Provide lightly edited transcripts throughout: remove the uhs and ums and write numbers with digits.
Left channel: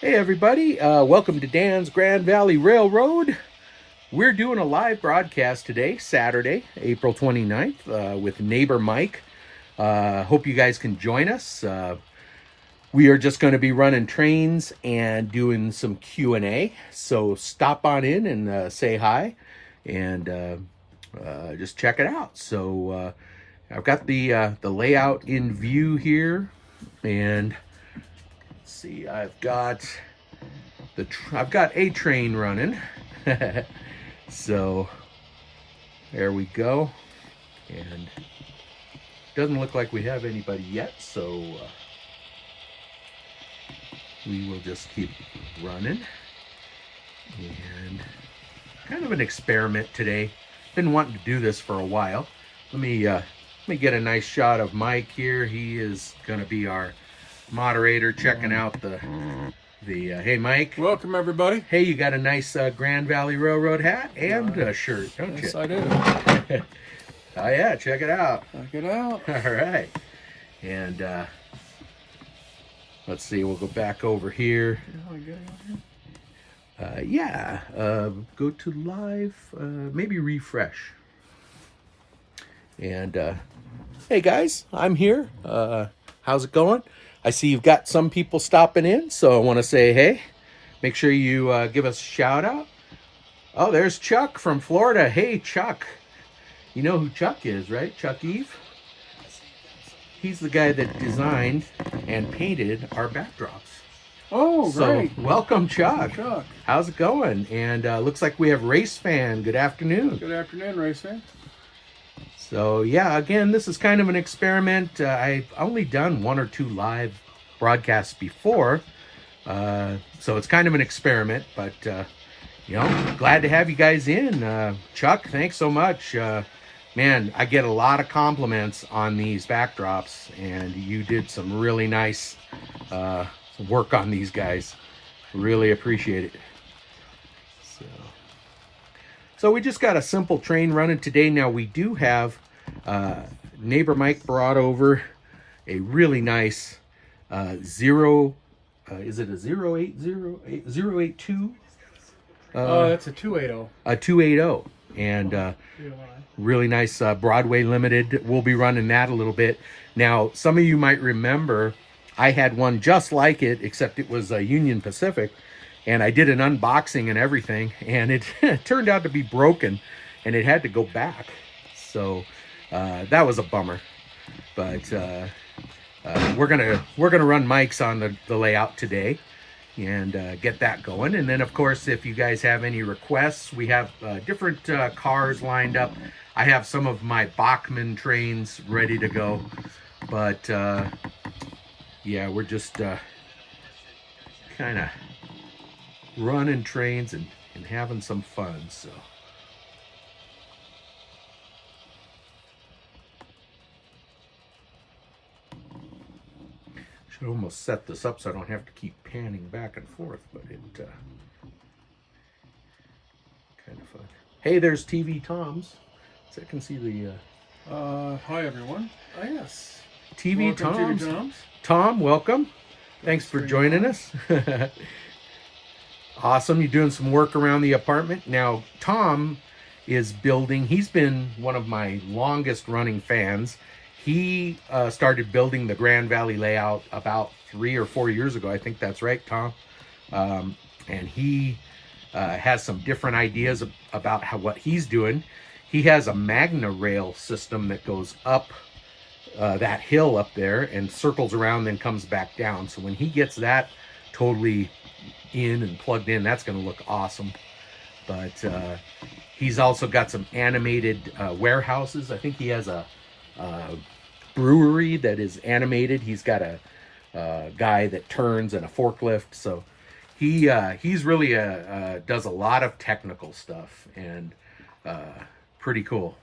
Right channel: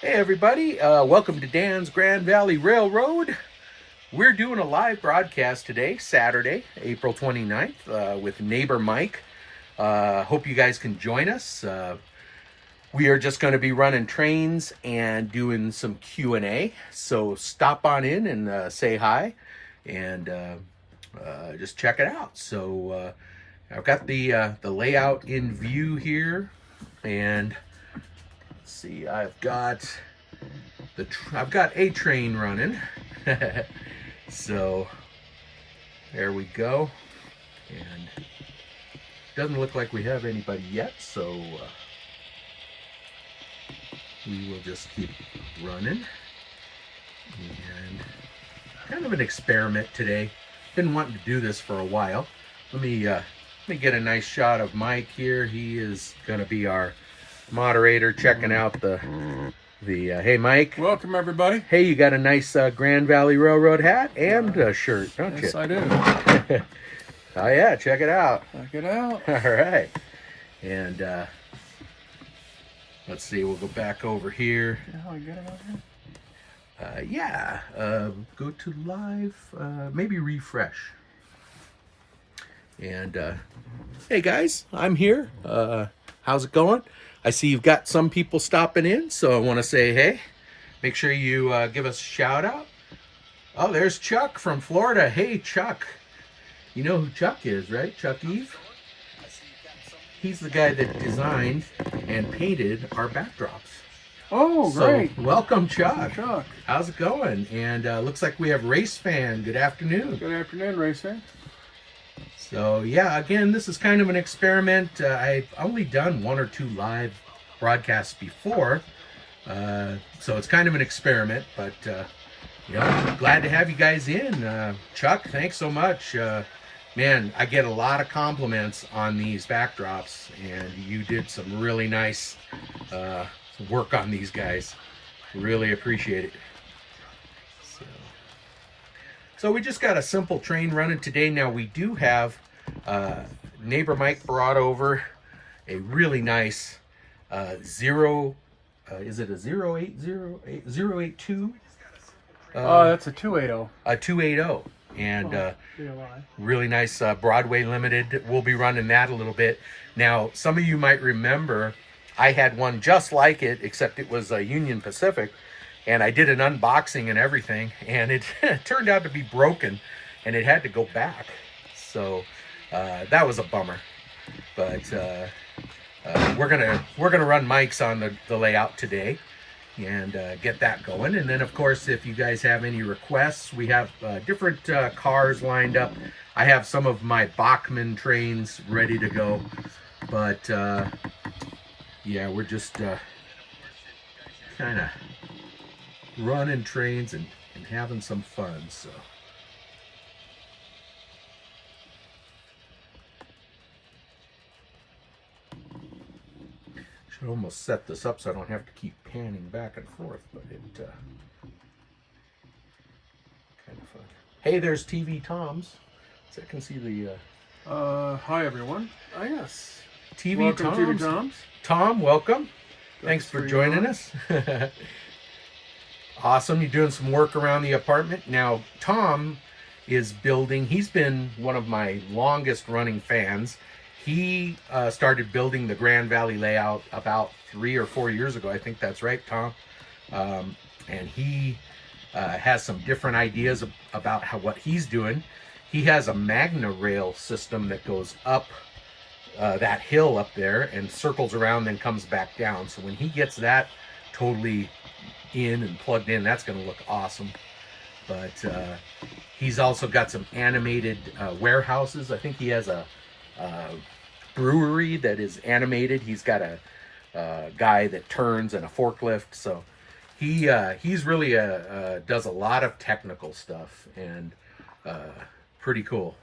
Hey everybody, welcome to Dan's Grand Valley Railroad. We're doing a live broadcast today, Saturday, April 29th, with neighbor Mike. Hope you guys can join us. We are just going to be running trains and doing some Q&A, so stop on in and say hi and just check it out. So I've got the layout in view here, and let's see, I've got a train running. So there we go. And doesn't look like we have anybody yet, so we will just keep running. And kind of an experiment today. Been wanting to do this for a while. Let me get a nice shot of Mike here. He is going to be our moderator, checking out the hey Mike. Welcome everybody. Hey, you got a nice Grand Valley Railroad hat and shirt, don't Yes, you? I do. Oh yeah, check it out. Check it out. All right. And let's see, we'll go back over here. Go to live, maybe refresh. And hey guys, I'm here. How's it going? I see you've got some people stopping in, so I want to say hey. Make sure you give us a shout out. Oh, there's Chuck from Florida. Hey, Chuck. You know who Chuck is, right? Chuck Eve? He's the guy that designed and painted our backdrops. Oh, great. So, welcome, Chuck. Chuck. How's it going? And looks like we have Race Fan. Good afternoon. Good afternoon, Racer. So, yeah, again, this is kind of an experiment. I've only done one or two live broadcasts before. So it's kind of an experiment, but, glad to have you guys in. Chuck, thanks so much. Man, I get a lot of compliments on these backdrops, and you did some really nice work on these guys. Really appreciate it. So we just got a simple train running today. Now we do have neighbor Mike brought over a really nice is it a 080 That's a 280. A 280, and really nice Broadway Limited. We'll be running that a little bit. Now, some of you might remember I had one just like it, except it was a Union Pacific, and I did an unboxing and everything, and it turned out to be broken, and it had to go back. So that was a bummer. But we're gonna run mics on the layout today and get that going. And then, of course, if you guys have any requests, we have different cars lined up. I have some of my Bachman trains ready to go, but yeah, we're just kind of running trains and having some fun. So should almost set this up so I don't have to keep panning back and forth, but it kind of fun. Hey, there's TV Tom's. So I can see the Hi everyone. Yes. TV Welcome, Tom's. TV Toms. Tom, welcome. Thanks for joining us. Awesome. You're doing some work around the apartment. Now, Tom is building. He's been one of my longest running fans. He started building the Grand Valley layout about 3 or 4 years ago. I think that's right, Tom. And he has some different ideas about what he's doing. He has a Magna rail system that goes up that hill up there and circles around, then comes back down. So when he gets that totally in and plugged in, that's going to look awesome. But he's also got some animated warehouses. I think he has a brewery that is animated. He's got a guy that turns and a forklift. So he's really does a lot of technical stuff, and pretty cool.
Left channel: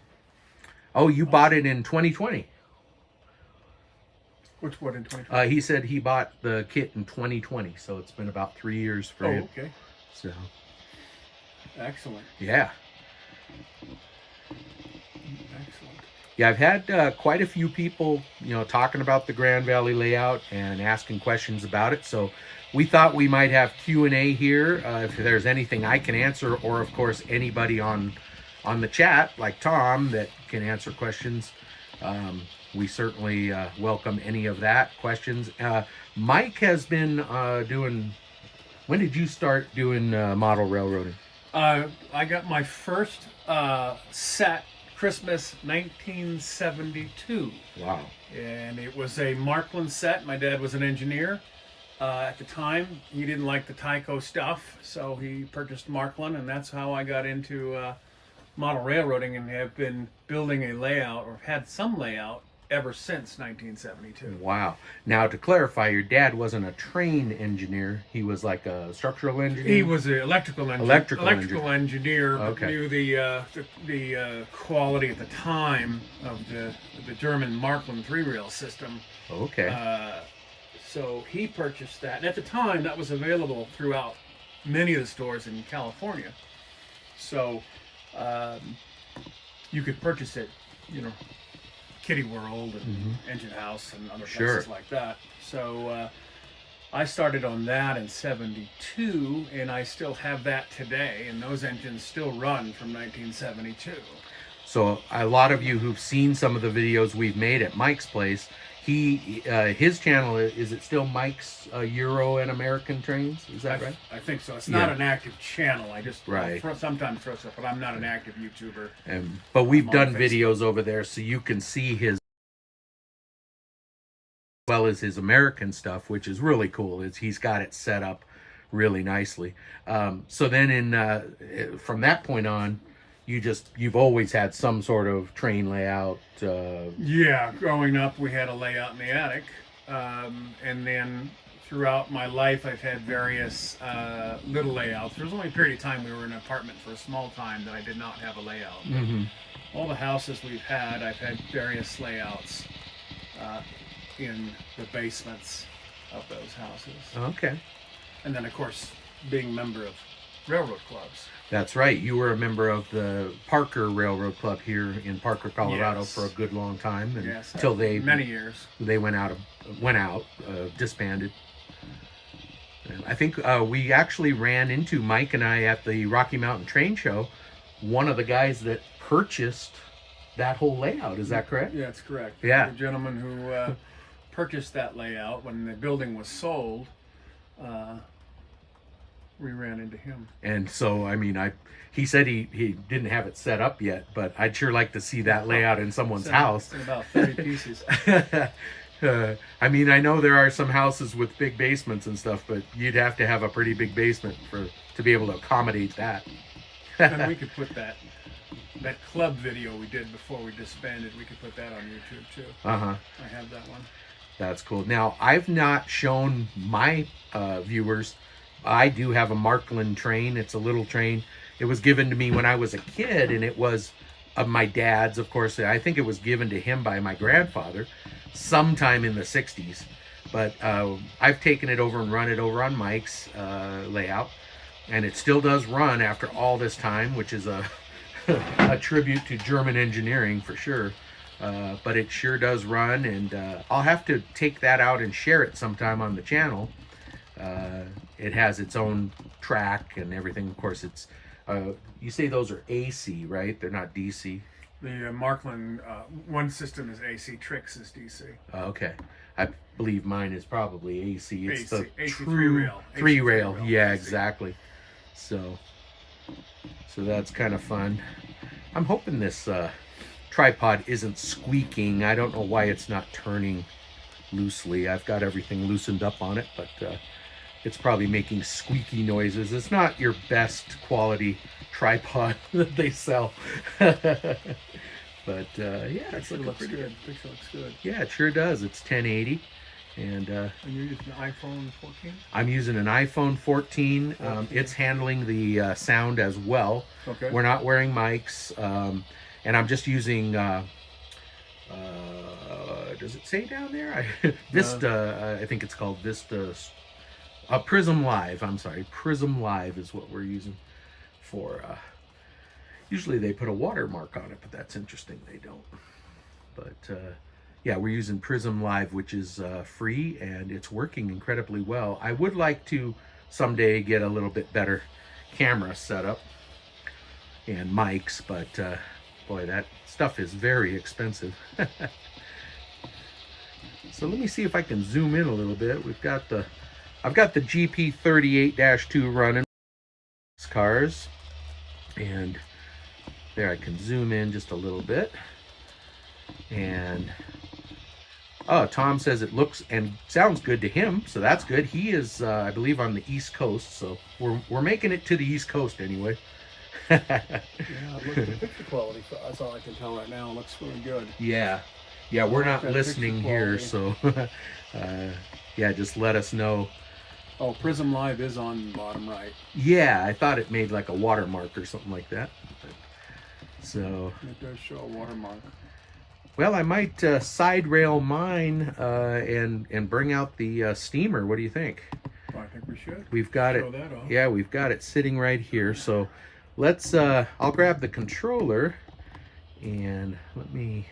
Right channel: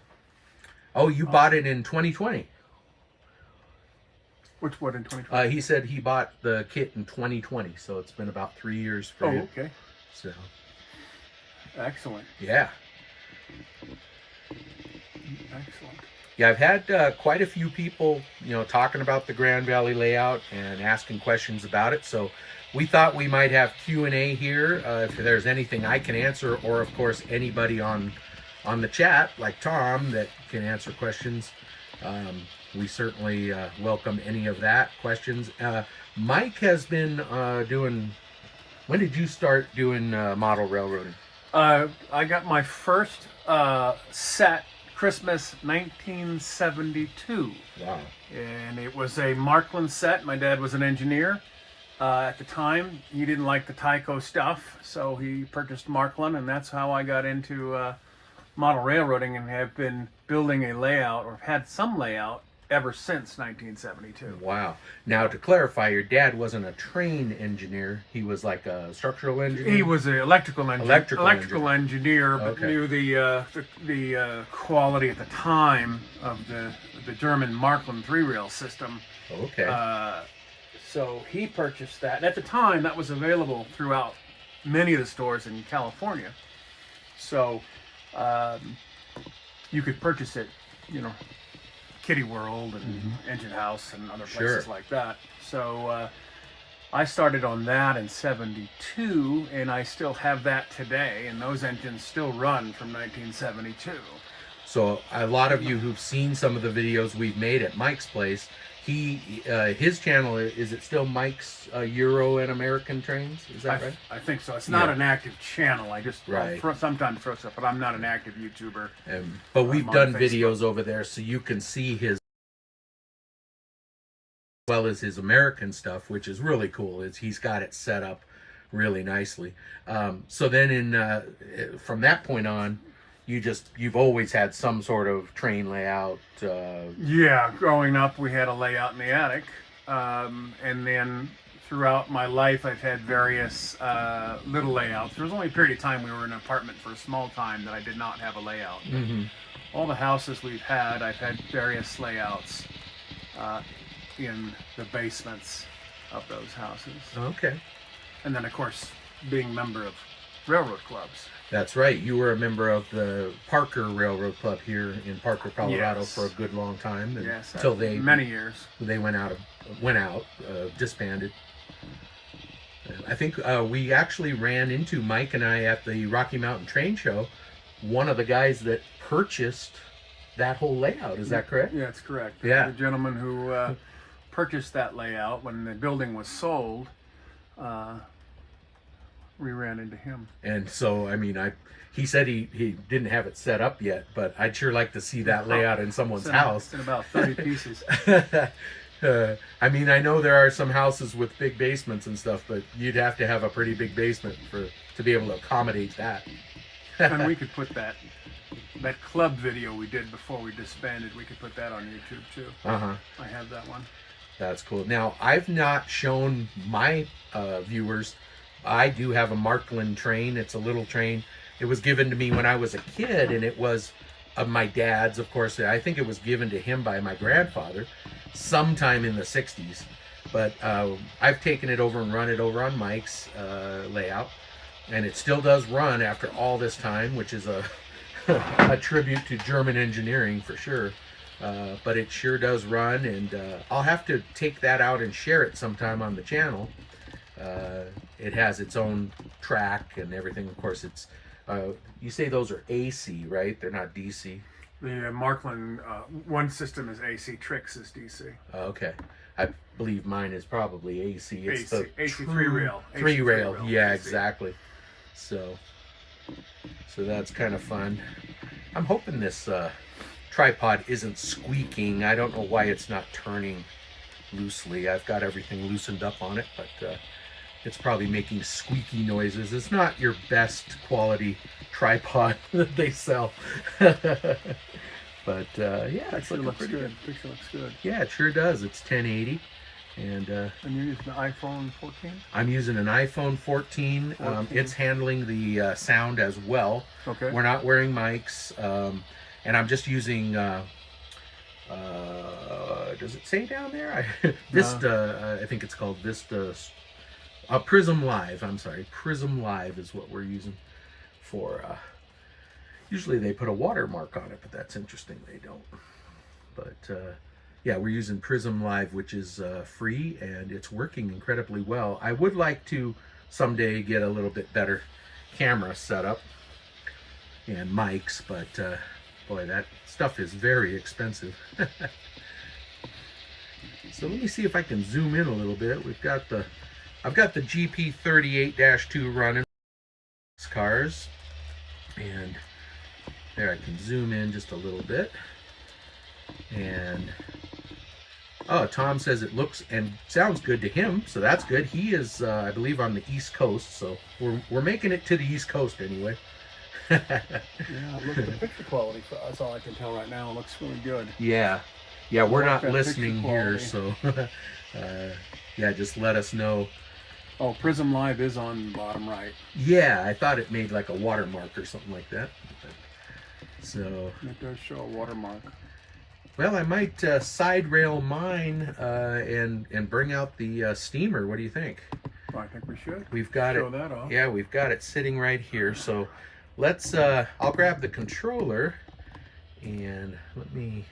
Oh, you bought it in 2020. Which one in 2020? He said he bought the kit in 2020, so it's been about 3 years for him. Okay. So Excellent. yeah. Excellent. Yeah, I've had quite a few people, talking about the Grand Valley layout and asking questions about it. So we thought we might have Q&A here, if there's anything I can answer, or of course anybody on the chat like Tom that can answer questions. We certainly welcome any of that questions. Mike has been doing. When did you start doing model railroading? I got my first set Christmas 1972. Wow. And it was a Markland set. My dad was an engineer. At the time, he didn't like the Tyco stuff, so he purchased Markland, and that's how I got into model railroading and have been building a layout, or had some layout, ever since 1972. Wow. Now, to clarify, your dad wasn't a train engineer. He was like a structural engineer? He was an electrical engineer, but Okay. knew the quality at the time of the German Markland three-rail system. Okay. So he purchased that. And at the time, that was available throughout many of the stores in California. So you could purchase it, Kitty World and Engine House and other places like that. So I started on that in 72, and I still have that today, and those engines still run from 1972. So a lot of you who've seen some of the videos we've made at Mike's place, his channel, is it still Mike's Euro and American Trains? Is that right? I think so. It's not an active channel. I just Right. sometimes throw stuff, but I'm not an active YouTuber. But we've on done Facebook. videos over there, so you can see his, as well as his American stuff, which is really cool. He's got it set up really nicely. So then from that point on, you've always had some sort of train layout. Yeah, growing up, we had a layout in the attic, and then throughout my life, I've had various little layouts. There was only a period of time we were in an apartment for a small time that I did not have a layout. All the houses we've had, I've had various layouts in the basements of those houses. Okay. And then, of course, being a member of railroad clubs. That's right. You were a member of the Parker Railroad Club here in Parker, Colorado, Yes. for a good long time, and Yes, until many years. they went out, disbanded. And I think we actually ran into Mike and I at the Rocky Mountain Train Show. One of the guys that purchased that whole layout. Is that correct? Yeah, that's correct. Yeah. The gentleman who purchased that layout when the building was sold. We ran into him. And so, I mean, he said he didn't have it set up yet, but I'd sure like to see that layout in someone's house. It's in about 30 pieces. I mean, I know there are some houses with big basements and stuff, but you'd have to have a pretty big basement to be able to accommodate that. And we could put that club video we did before we disbanded, we could put that on YouTube too. I have that one. That's cool. Now, I've not shown my viewers. I do have a Markland train. It's a little train. It was given to me when I was a kid, and it was of my dad's, of course. I think it was given to him by my grandfather sometime in the 60s. But I've taken it over and run it over on Mike's layout, and it still does run after all this time, which is a tribute to German engineering for sure. But it sure does run, and I'll have to take that out and share it sometime on the channel. It has its own track and everything. Of course, it's you say those are AC, right? They're not DC. The Markland one system is AC, Trix is DC. Okay, I believe mine is probably AC. It's AC, the AC true three-rail. Three-rail, yeah, AC. exactly. So that's kind of fun. I'm hoping this tripod isn't squeaking. I don't know why it's not turning loosely. I've got everything loosened up on it, but it's probably making squeaky noises. It's not your best quality tripod that they sell. But yeah, it's looking pretty good. Picture looks good. Yeah, it sure does. It's 1080. And you're using the iPhone 14? I'm using an iPhone 14. It's handling the sound as well. Okay. We're not wearing mics. And I'm just using, does it say down there? Vista, I think it's called Vista. Prism Live, I'm sorry. Prism Live is what we're using for, usually they put a watermark on it, but that's interesting. They don't. But yeah, we're using Prism Live, which is free, and it's working incredibly well. I would like to someday get a little bit better camera setup and mics, but boy, that stuff is very expensive. So let me see if I can zoom in a little bit. I've got the GP38-2 running cars, and there I can zoom in just a little bit. And oh, Tom says it looks and sounds good to him, so that's good. He is, I believe, on the East Coast, so we're making it to the East Coast anyway. Yeah, look at the picture quality. That's all I can tell right now. It looks really good. Yeah, we're not Good listening picture here, quality. so yeah, just let us know. Oh, Prism Live is on the bottom right. Yeah, I thought it made like a watermark or something like that. So It does show a watermark. well, I might side rail mine and bring out the steamer. What do you think? I think we should. We've got show it. that off. Yeah, we've got it sitting right here. So let's. I'll grab the controller and let me.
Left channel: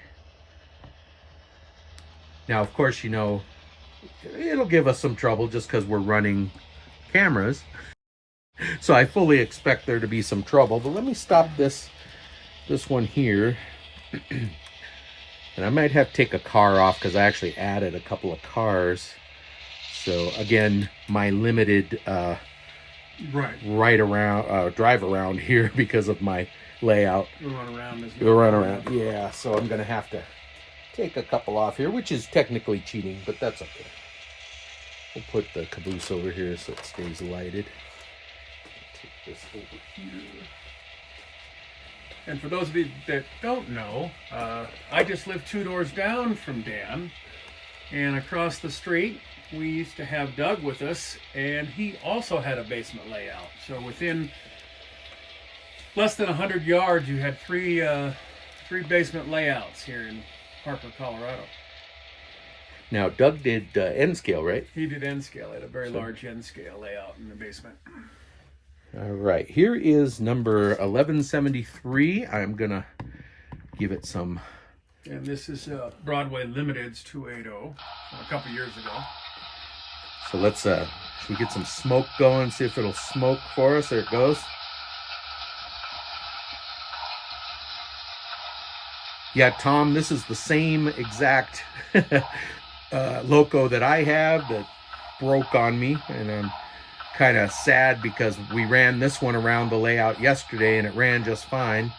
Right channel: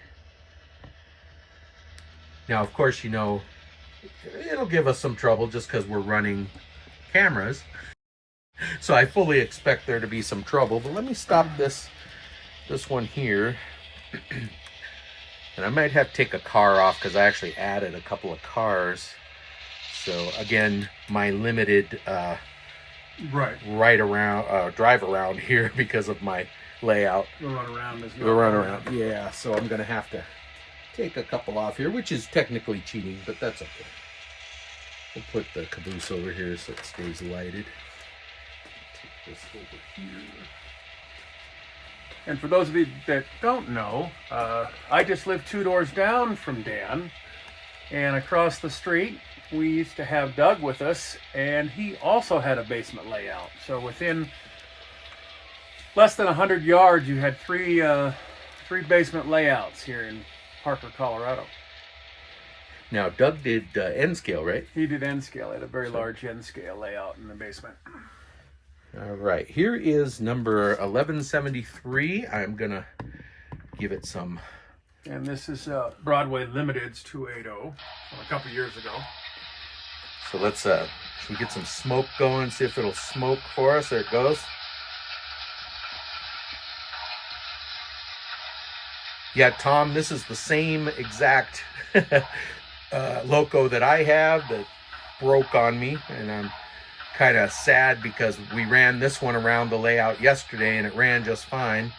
Now, of course, you know, it'll give us some trouble just because we're running cameras. So I fully expect there to be some trouble. But let me stop this one here. And I might have to take a car off because I actually added a couple of cars. So again, my limited drive around here because of my layout. The run around is The run around, yeah. So I'm gonna have to take a couple off here, which is technically cheating, but that's okay. We'll put the caboose over here so it stays lighted. Take this over here. And for those of you that don't know, I just live 2 doors down from Dan, and across the street we used to have Doug with us, and he also had a basement layout. So within less than 100 yards, you had three basement layouts here in Harper, Colorado. Now, Doug did N-scale, right? He did N-scale. He had a very large N-scale layout in the basement. All right, here is number 1173. I'm gonna give it some. And this is Broadway Limited's 280 from a couple years ago. So let's should we get some smoke going, see if it'll smoke for us. There it goes. Yeah, Tom, this is the same exact Loco that I have that broke on me, and I'm kind of sad because we ran this one around the layout yesterday and it ran just fine,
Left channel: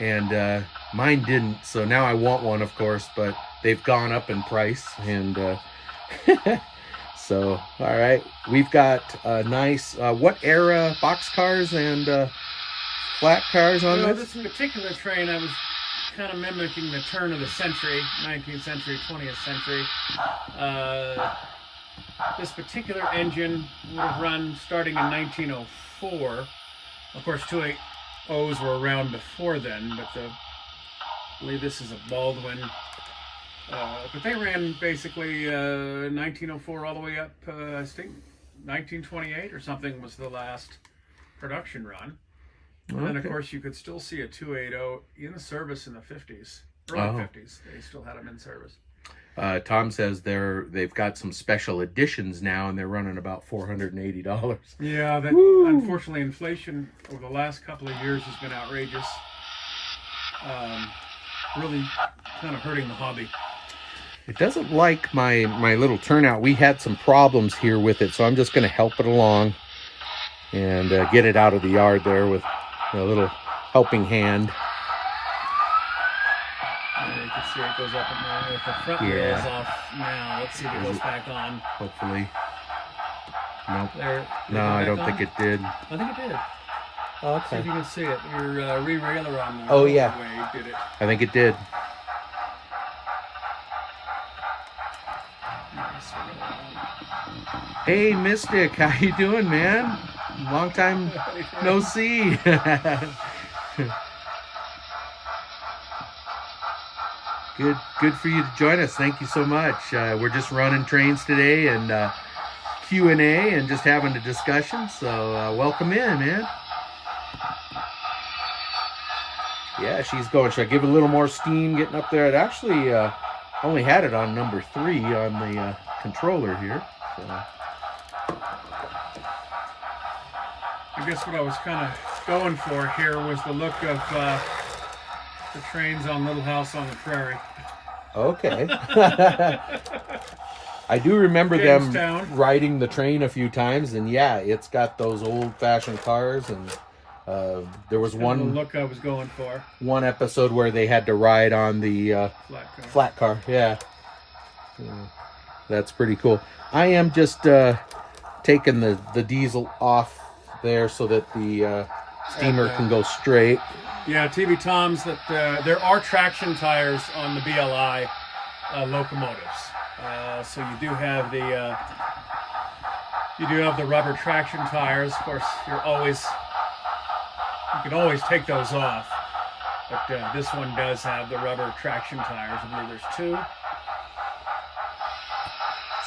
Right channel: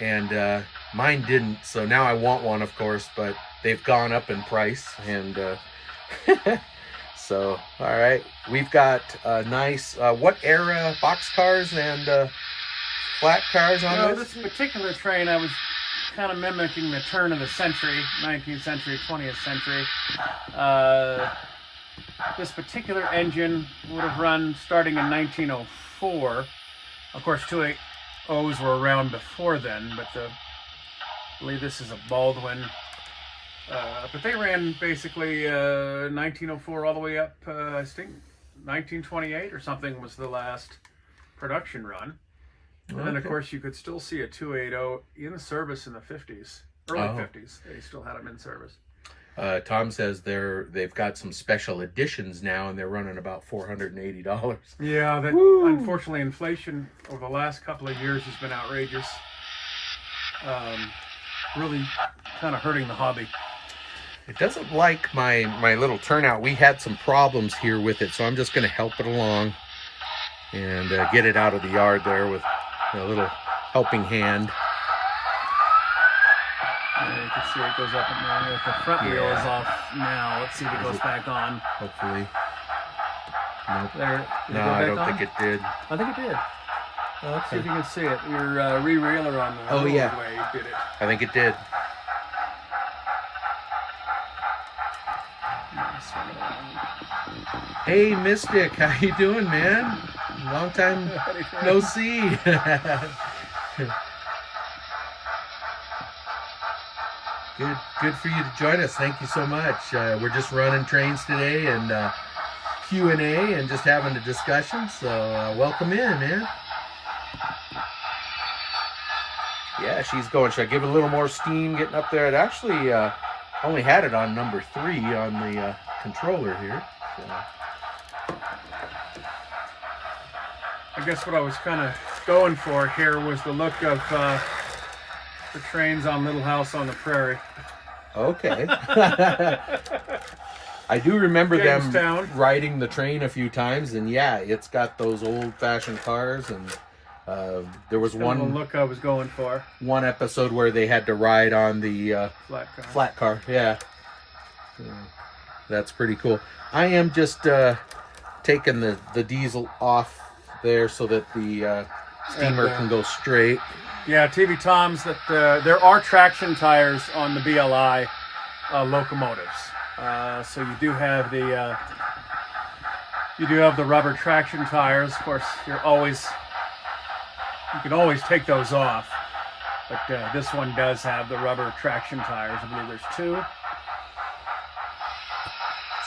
and mine didn't. So now I want one, of course, but they've gone up in price, and so all right, we've got nice what era boxcars and flat cars on Well, this? this particular train, I was kind of mimicking the turn of the century, 19th century, 20th century. This particular engine would have run starting in 1904. Of course, 280s were around before then, but I believe this is a Baldwin. But they ran basically 1904 all the way up, I think 1928 or something was the last production run. And then, of course, you could still see a 280 in service in the 50s, early 50s. They still had them in service. Tom says they've got some special editions now, and they're running about $480. Yeah, that unfortunately, inflation over the last couple of years has been outrageous. Really kind of hurting the hobby. It doesn't like my little turnout. We had some problems here with it, so I'm just going to help it along and get it out of the yard there with a little helping hand. You can see it goes up and down. If the front wheel is off now, let's see if it goes back on. Hopefully. Nope. There. Did it No, go I back don't on? think it did. I think it did. Oh, See if you can see it. Your re-railer on the Oh, yeah. way did it. I think it did. Hey, Mystic, how you doing, man? Long time no see. Good for you to join us. Thank you so much. We're just running trains today and Q&A and just having a discussion. So welcome in, man. Yeah, she's going. Should I give it a little more steam getting up there? It actually only had it on number 3 on the controller here. So. I guess what I was kind of going for here was the look of the trains on Little House on the Prairie. Okay. I do remember Jamestown. them riding the train a few times, and yeah, it's got those old-fashioned cars, and there was Kind of the look I was going for. one episode where they had to ride on the flat car. Yeah. So, that's pretty cool. I am just taking the diesel off there so that the steamer can go straight. Yeah, TV Tom's that there are traction tires on the BLI locomotives. So you do have the rubber traction tires. Of course, you can always take those off. But this one does have the rubber traction tires. I believe there's 2.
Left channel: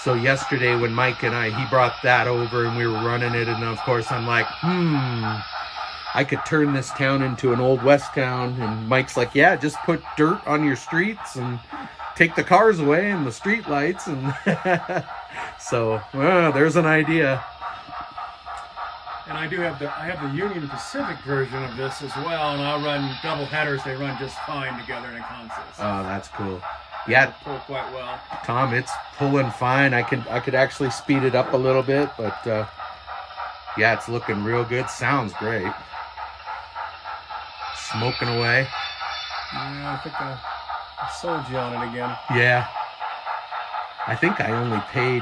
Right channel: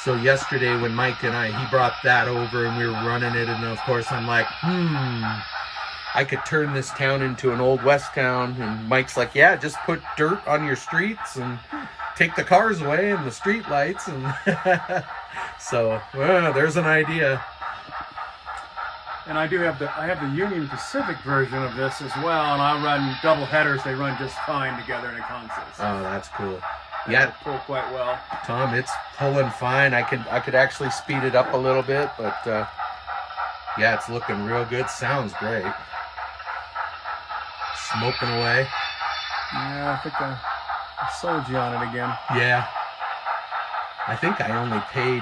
So yesterday when Mike and he brought that over and we were running it, and of course I'm like, I could turn this town into an old west town. And Mike's like, yeah, just put dirt on your streets and take the cars away and the street lights. And so there's an idea. And I have the Union Pacific version of this as well, and I'll run double headers. They run just fine together in a consist. Oh, that's cool. Yeah, pull quite well. Tom, it's pulling fine. I could actually speed it up a little bit, but yeah, it's looking real good. Sounds great. Smoking away. Yeah, I think I sold you on it again. Yeah. I think I only paid,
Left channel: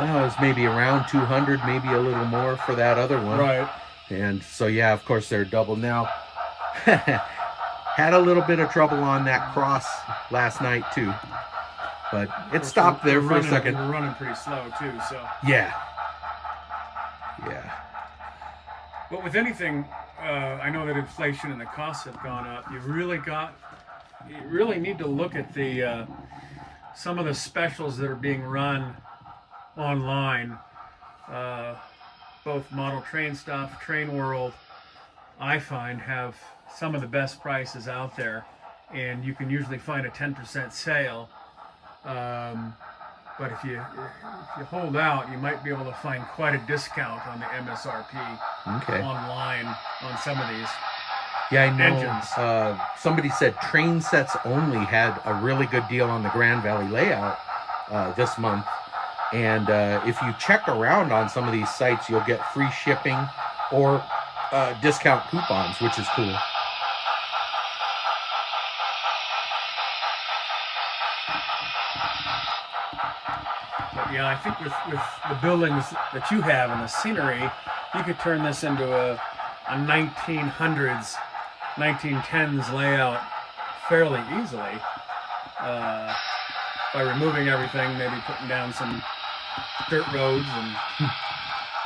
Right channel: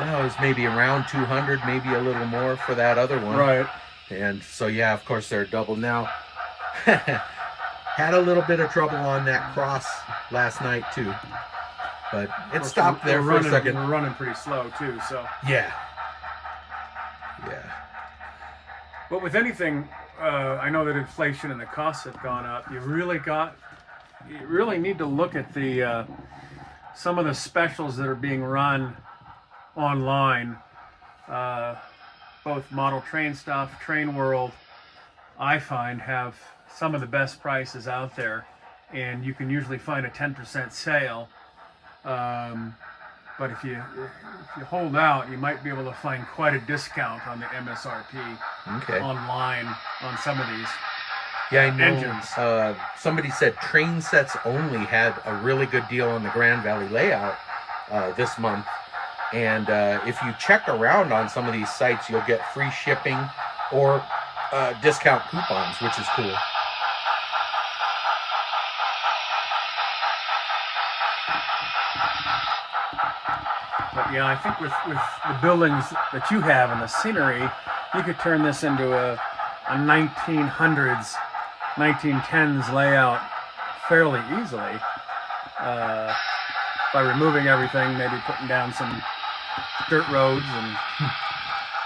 it was maybe around 200, maybe a little more for that other one. Right. And so, yeah, of course, they're double now. Had a little bit of trouble on that cross last night, too. But it stopped there for a second. We're running pretty slow, too, so. Yeah. Yeah. But with anything, I know that inflation and the costs have gone up. You really need to look at the some of the specials that are being run online. Both Model Train Stuff, Train World, I find have some of the best prices out there, and you can usually find a 10% sale. But if you hold out, you might be able to find quite a discount on the MSRP online on some of these. Yeah, I know. Engines. Somebody said Train Sets Only had a really good deal on the Grand Valley layout this month. And if you check around on some of these sites, you'll get free shipping or discount coupons, which is cool. But yeah, I think with the buildings that you have and the scenery, you could turn this into a 1900s, 1910s layout fairly easily by removing everything, maybe putting down some dirt roads and a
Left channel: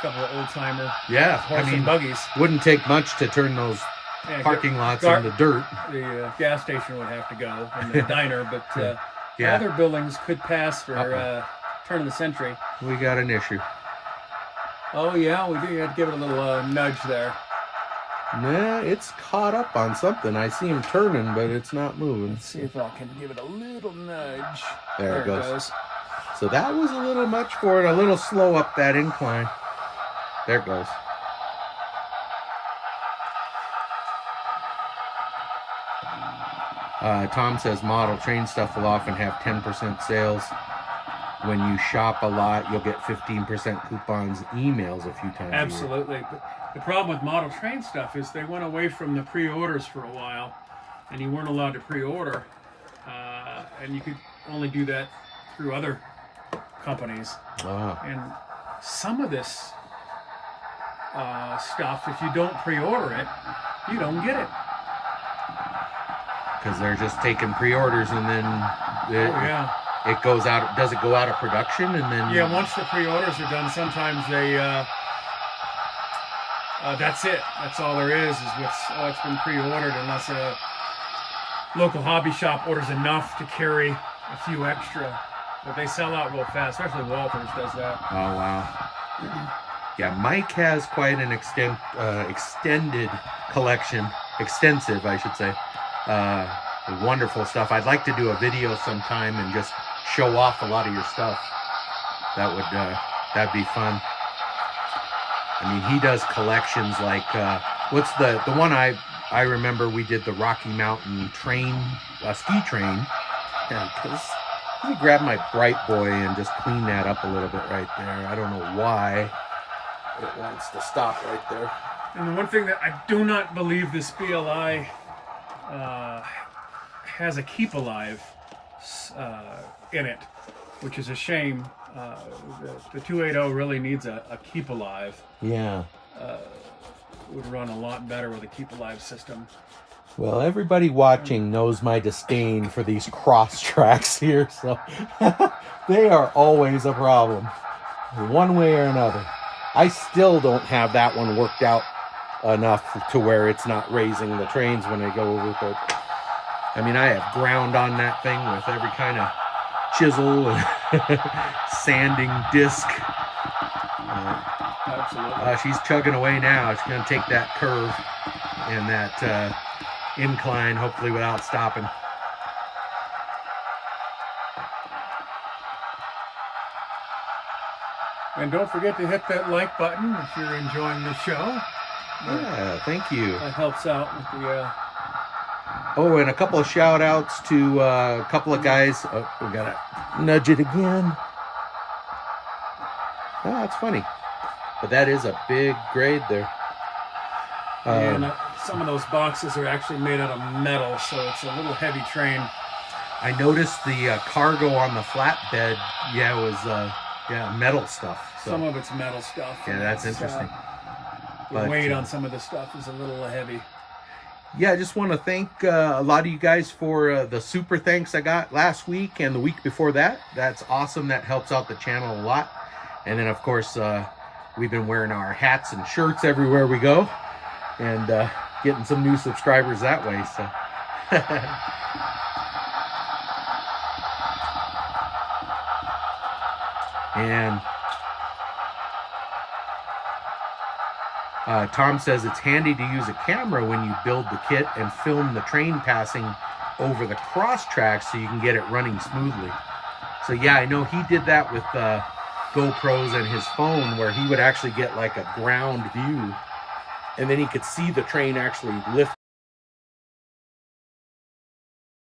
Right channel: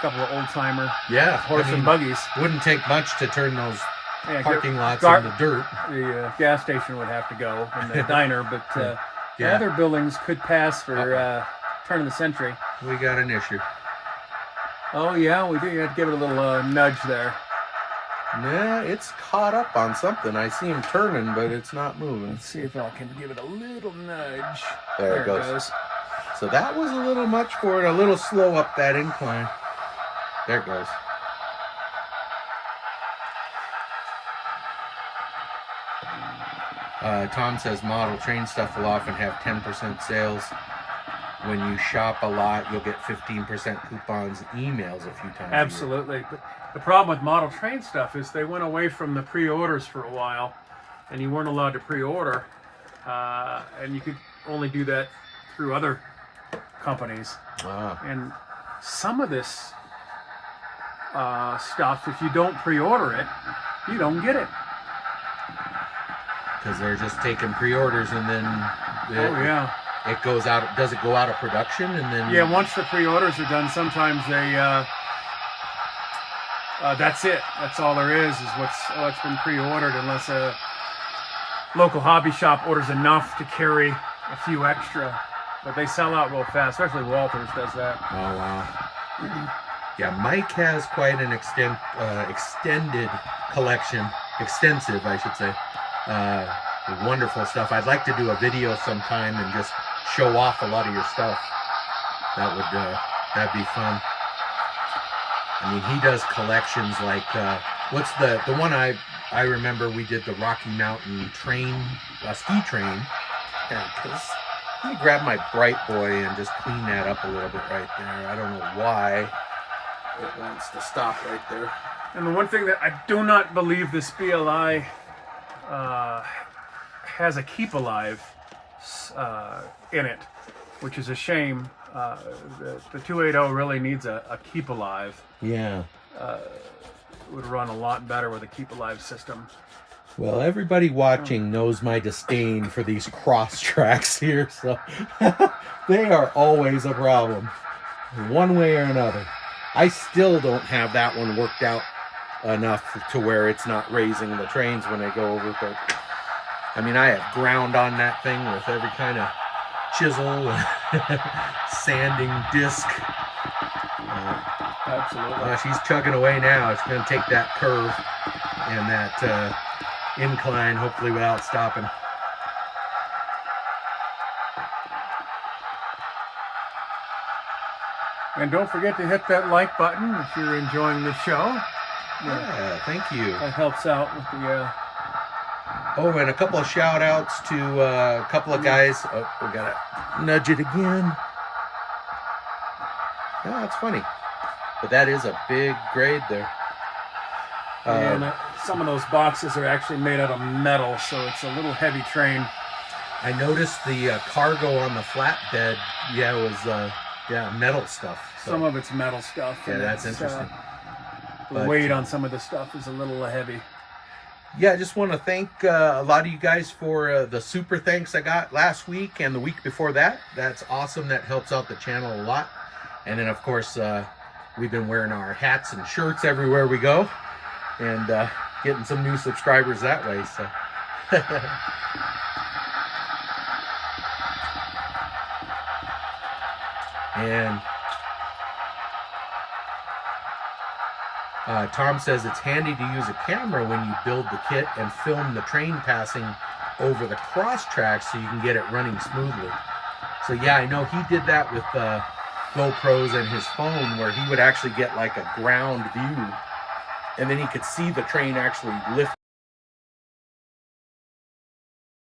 couple of old-timer horse and buggies. Wouldn't take much to turn those parking lots into dirt. The gas station would have to go, and the diner, but the other buildings could pass for turn of the century. We got an issue. Oh yeah, we do. You have to give it a little nudge there. Yeah, it's caught up on something. I see him turning, but it's not moving. Let's see if I can give it a little nudge. There it goes. So that was a little much for it. A little slow up that incline. There it goes. Tom says Model Train Stuff will often have 10% sales. When you shop a lot, you'll get 15% coupons, emails a few times. Absolutely. The problem with Model Train Stuff is they went away from the pre-orders for a while, and you weren't allowed to pre-order, and you could only do that through other companies. And some of this stuff, if you don't pre-order it, you don't get it. Because they're just taking pre-orders and then it goes out. Does it go out of production and then? Yeah, once the pre-orders are done, sometimes they that's it. That's all there is what's been pre-ordered, unless a local hobby shop orders enough to carry a few extra. But they sell out real fast, especially Walters does that. Oh wow. Yeah, Mike has quite an extended collection, extensive, I should say. Wonderful stuff. I'd like to do a video sometime and just show off a lot of your stuff. That'd be fun. I mean, he does collections like what's the one I remember we did the Rocky Mountain train, ski train. Yeah, let me grab my Bright Boy and just clean that up a little bit right there. I don't know why it wants to stop right there. And the one thing that I do not believe this BLI has a keep alive in it, which is a shame. The 280 really needs a keep alive. Yeah. Would run a lot better with a keep alive system. Well, everybody watching knows my disdain for these cross tracks here, so they are always a problem, one way or another. I still don't have that one worked out enough to where it's not raising the trains when they go over, but I mean, I have ground on that thing with every kind of chisel and sanding disc. Absolutely. She's chugging away now. It's going to take that curve and that incline, hopefully without stopping. And don't forget to hit that like button if you're enjoying the show. Yeah, thank you. That helps out with the... Oh, and a couple of shout outs to a couple of guys. Oh, we got to nudge it again. Oh, that's funny. But that is a big grade there. And some of those boxes are actually made out of metal, so it's a little heavy train. I noticed the cargo on the flatbed, was metal stuff. So. Some of it's metal stuff. Yeah, that's interesting. The weight on some of the stuff is a little heavy. Yeah, I just want to thank a lot of you guys for the super thanks I got last week and the week before that. That's awesome. That helps out the channel a lot. And then, of course, we've been wearing our hats and shirts everywhere we go and getting some new subscribers that way. So. And Tom says it's handy to use a camera when you build the kit and film the train passing over the cross tracks so you can get it running smoothly. So yeah, I know he did that with GoPros and his phone, where he would actually get like a ground view and then he could see the train actually lift.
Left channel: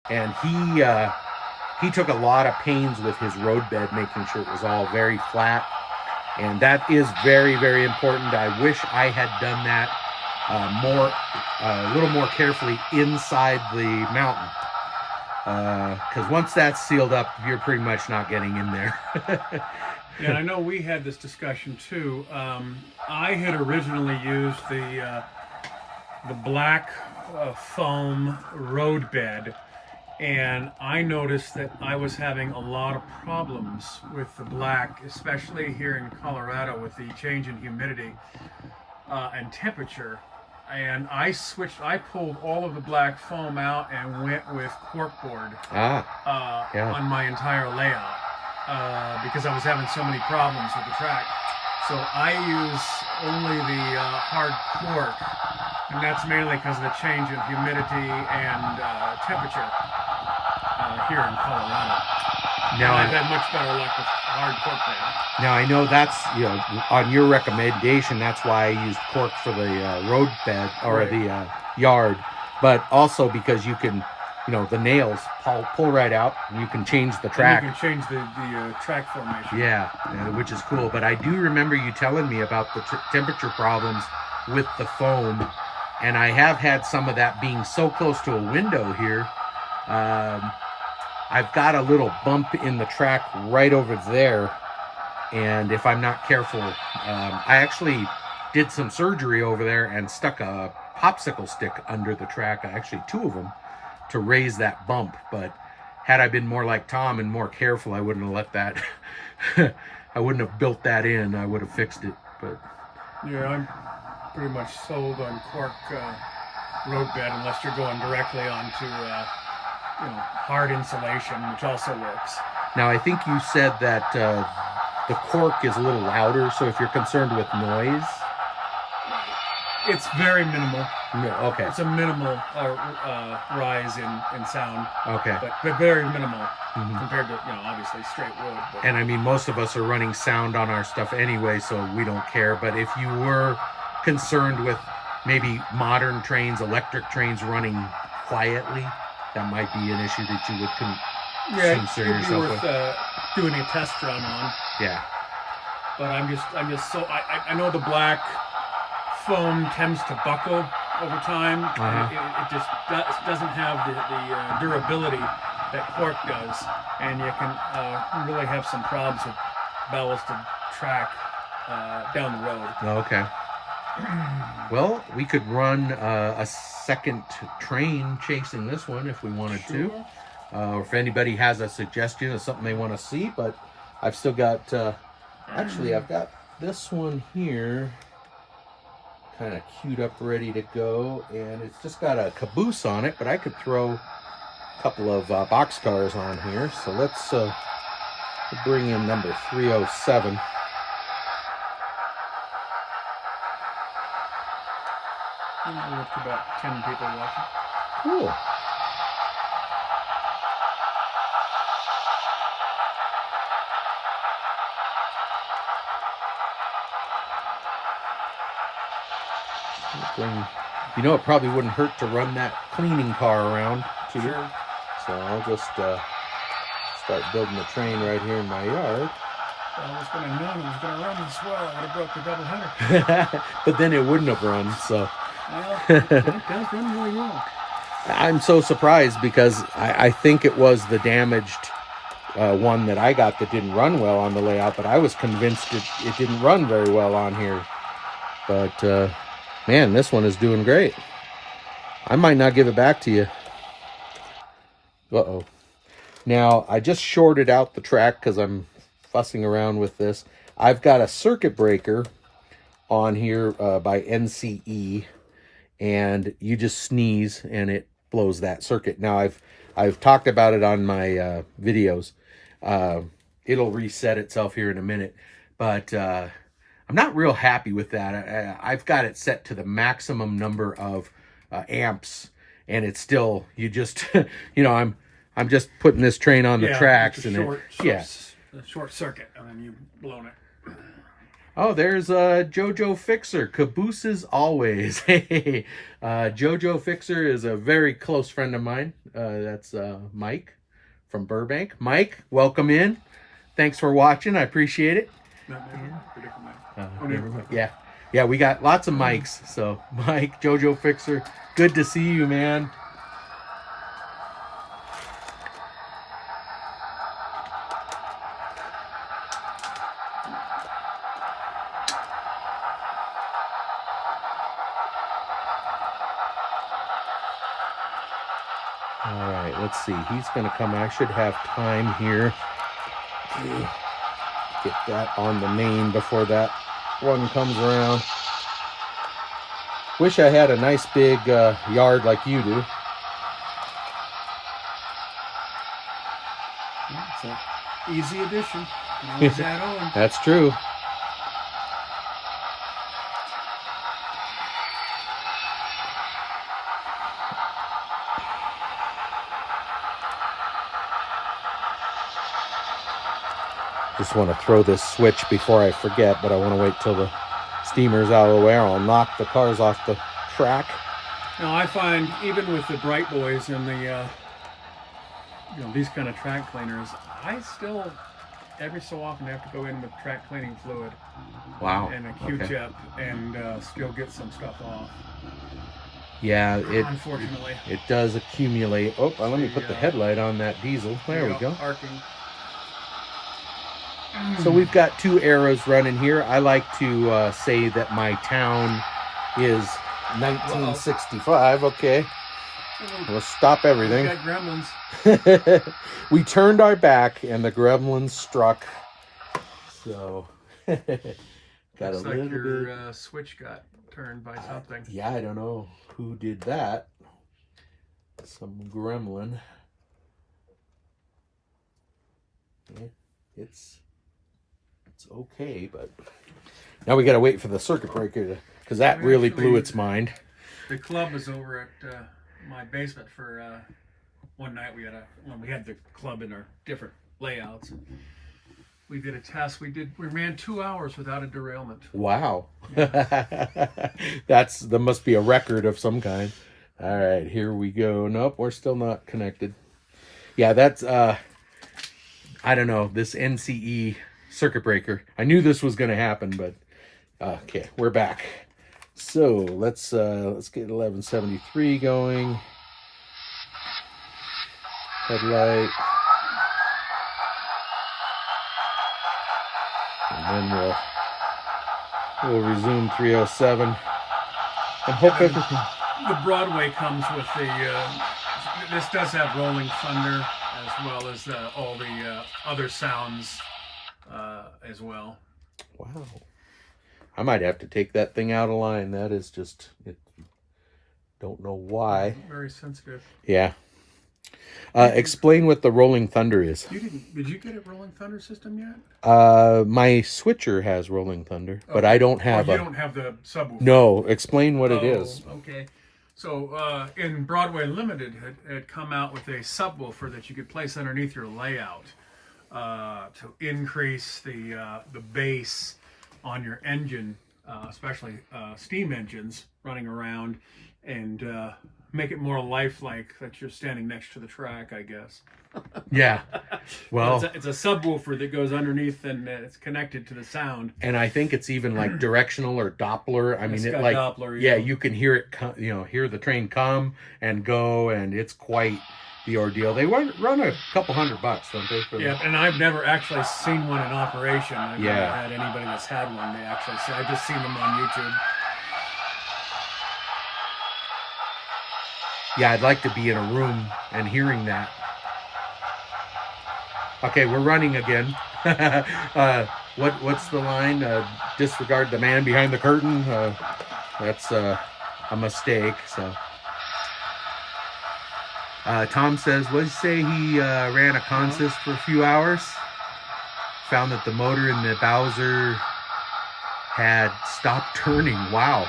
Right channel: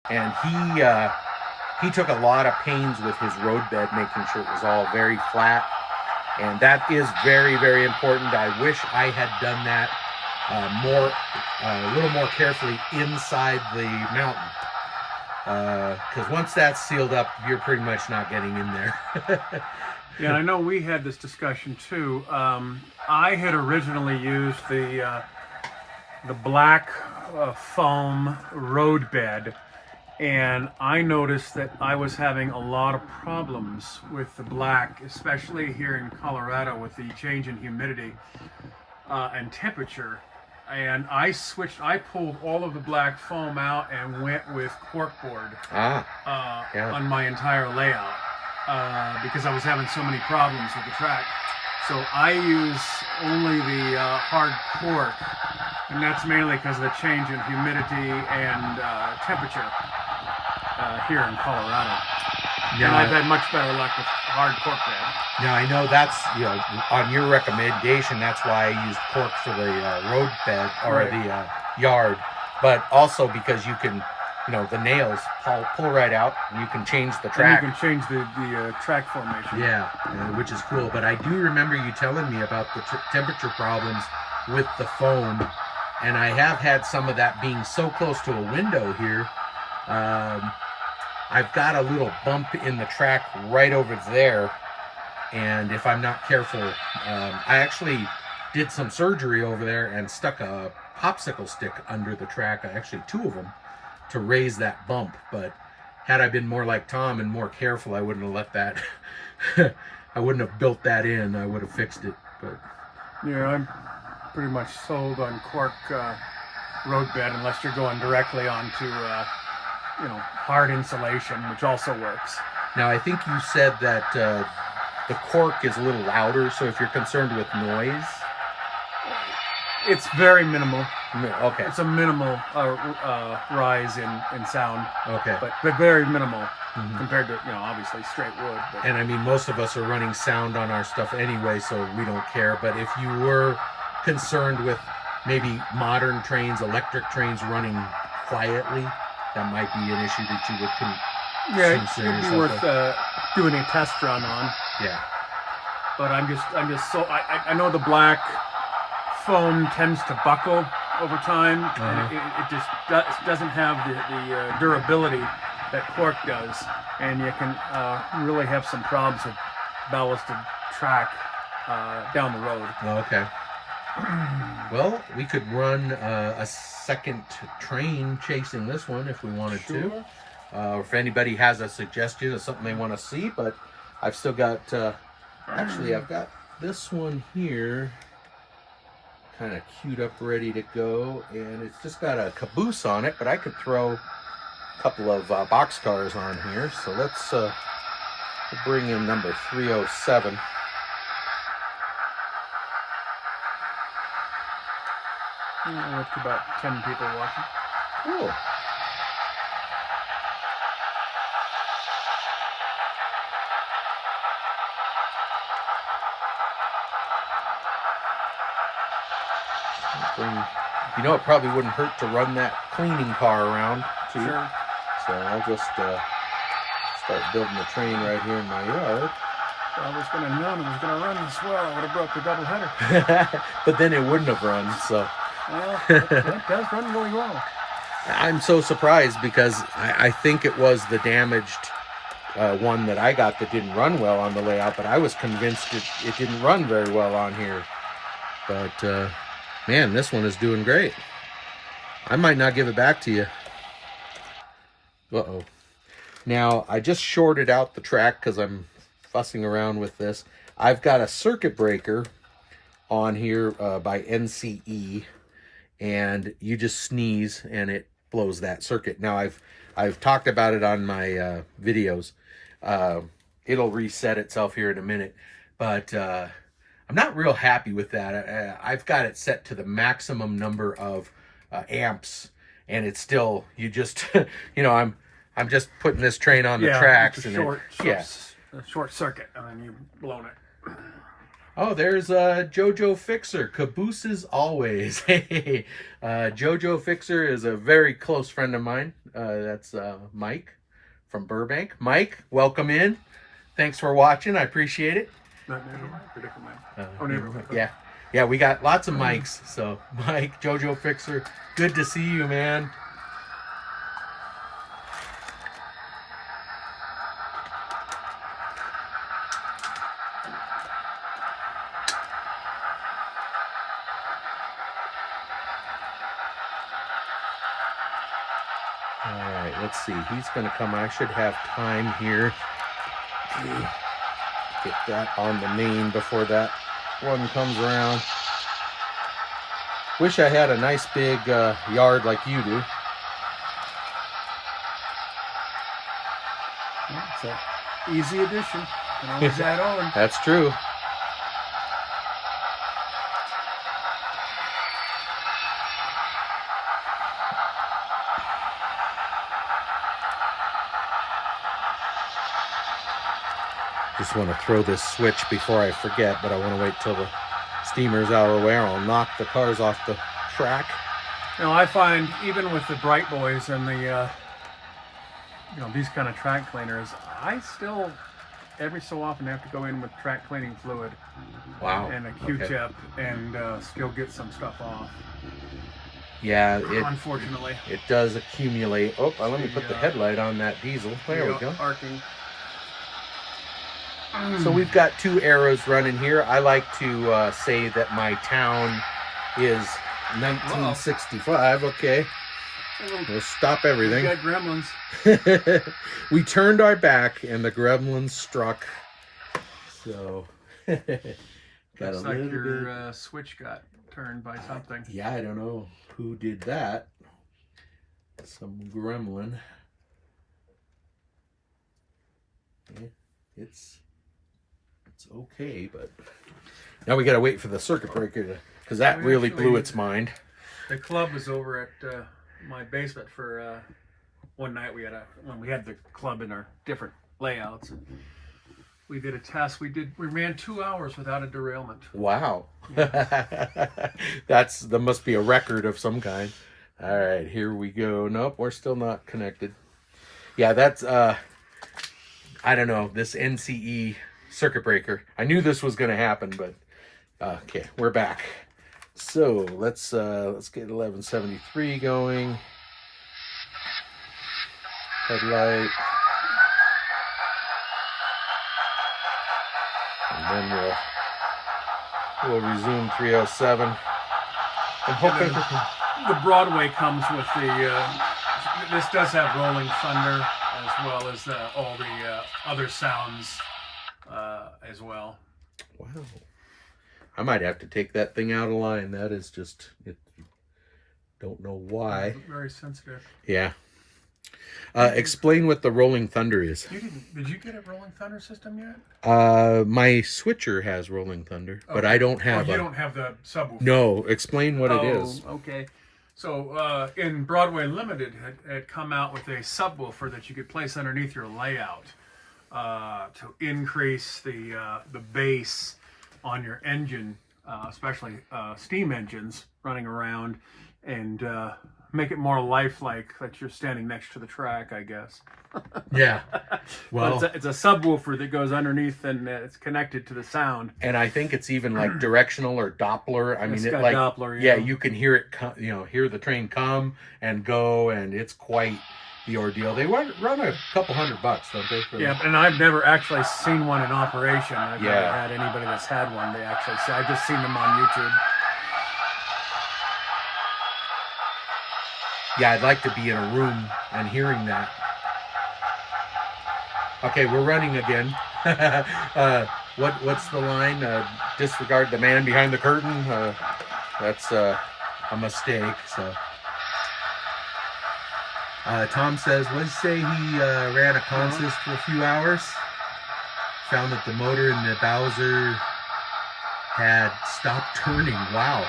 And he took a lot of pains with his roadbed, making sure it was all very flat. And that is very, very important. I wish I had done that a little more carefully inside the mountain. Because once that's sealed up, you're pretty much not getting in there. Yeah, I know we had this discussion too. I had originally used the black foam roadbed, and I noticed that I was having a lot of problems with the black, especially here in Colorado with the change in humidity and temperature. And I pulled all of the black foam out and went with corkboard on my entire layout because I was having so many problems with the track. So I use only the hard cork, and that's mainly because of the change in humidity and temperature here in Colorado. Now, I've had much better luck with hard cork bed. Now I know that's, on your recommendation, that's why I used cork for the road bed or the yard, but also because you can, the nails pull right out and you can change the track. And you can change the track formation. Yeah, which is cool. But I do remember you telling me about the temperature problems with the foam, and I have had some of that being so close to a window here. I've got a little bump in the track right over there, and if I'm not careful, I actually did some surgery over there and stuck a popsicle stick under the track, actually 2 of them, to raise that bump. But had I been more like Tom and more careful, I wouldn't have let that, I wouldn't have built that in, I would have fixed it. But yeah, I'm pretty much sold on cork roadbed unless you're going directly onto hard insulation, which also works. Now I think you said that the cork is a little louder, so if you're concerned with noise. It's very minimal. No, okay. It's a minimal rise in sound. Okay. But very minimal compared to, obviously straight wood. But. And I mean, most of us are running sound on our stuff anyway, so we don't care. But if you were concerned with maybe modern trains, electric trains running quietly, that might be an issue that you would concern it'd be yourself worth with. doing a test run on. Yeah. But I'm just so I know the black foam tends to buckle over time, and it just doesn't have the durability that cork does, and you can really have some problems with ballasted track down the road. Okay. Well, we could run a second train chasing this one if we wanted to. Or if anybody has a suggestion of something they want to see, but I've still got, actually I've got this one here kind of queued up ready to go, and it's just got a caboose on it, but I could throw a couple of boxcars on here. So let's bring in number 307. With about 10 people watching. Cool. It probably wouldn't hurt to run that cleaning car around too. Sure. So I'll just start building the train right here in my yard. I was going to know it was going to run this well. I would have broke the double header. But then it wouldn't have run, so. Well, it does run really well. I'm so surprised because I think it was the damaged one that I got that didn't run well on the layout, but I was convinced it didn't run very well on here. But, man, this one is doing great. I might not give it back to you. Uh-oh. Now, I just shorted out the track because I'm fussing around with this. I've got a circuit breaker on here by NCE, and you just sneeze and it blows that circuit. Now, I've talked about it on my videos. It'll reset itself here in a minute, but I'm not real happy with that. I've got it set to the maximum number of amps, and it's still, you just, I'm just putting this train on the tracks. And short circuit, and then you've blown it. Oh, there's Jojo Fixer. Cabooses always. Hey, Jojo Fixer is a very close friend of mine. That's Mike from Burbank. Mike, welcome in. Thanks for watching. I appreciate it. Yeah, we got lots of mics. So, Mike, Jojo Fixer, good to see you, man. All right, let's see. He's going to come. I should have time here to get that on the main before that one comes around. Wish I had a nice big yard like you do. It's an easy addition. Always add on. That's true. Just want to throw this switch before I forget, but I want to wait till the steamer's out of the way, or I'll knock the cars off the track. I find even with the Bright Boys and the these kind of track cleaners, I still every so often have to go in with track cleaning fluid. Wow. And a Q-tip and still get some stuff off. Yeah, unfortunately it does accumulate. Oh, let me put the headlight on that diesel. There we go. Arcing. So we've got two arrows running here. I like to say that my town is 1965. Okay, we'll stop everything. We got gremlins. We turned our back and the gremlins struck. So got looks like your switch got turned by something. Yeah, I don't know who did that. Some gremlin. Yeah, it's it's okay, but now we got to wait for the circuit breaker because that We really actually- blew its mind. The club was over at my basement for one night. When we had the club in our different layouts. We did a test. We ran 2 hours without a derailment. Wow. That must be a record of some kind. All right, here we go. Nope, we're still not connected. Yeah, that's I don't know, this NCE circuit breaker. I knew this was going to happen, but okay, we're back. So, let's get 1173 going. Headlight. And then we'll resume 307. I'm hoping The Broadway comes with this does have rolling thunder as well as all the other sounds as well. wow. I might have to take that thing out of line. That is just don't know why. Very sensitive. Yeah. Explain what the rolling thunder is. Did you get a rolling thunder system yet? My switcher has rolling thunder, but I don't have you don't have the subwoofer. No, explain what it is. Okay. So in Broadway Limited had come out with a subwoofer that you could place underneath your layout to increase the bass on your engine, especially steam engines running around, and make it more lifelike that you're standing next to the track, I guess. Yeah. Well, it's a subwoofer that goes underneath and it's connected to the sound. and I think it's even like directional or Doppler. I mean, It's it got like Doppler, yeah, yeah. you can hear it. Hear the train come and go, and it's quite the ordeal. They run a couple $100, don't they? For Yeah, and I've never actually seen one in operation. I've Yeah. never had anybody that's had one. They actually say I've just seen them on YouTube. Yeah, I'd like to be in a room and hearing that. Okay, we're running again. What's the line? Disregard the man behind the curtain. That's a mistake. So, Tom says, what did he say? He ran a consist for a few hours. Found that the motor in the Bowser had stopped turning. Wow.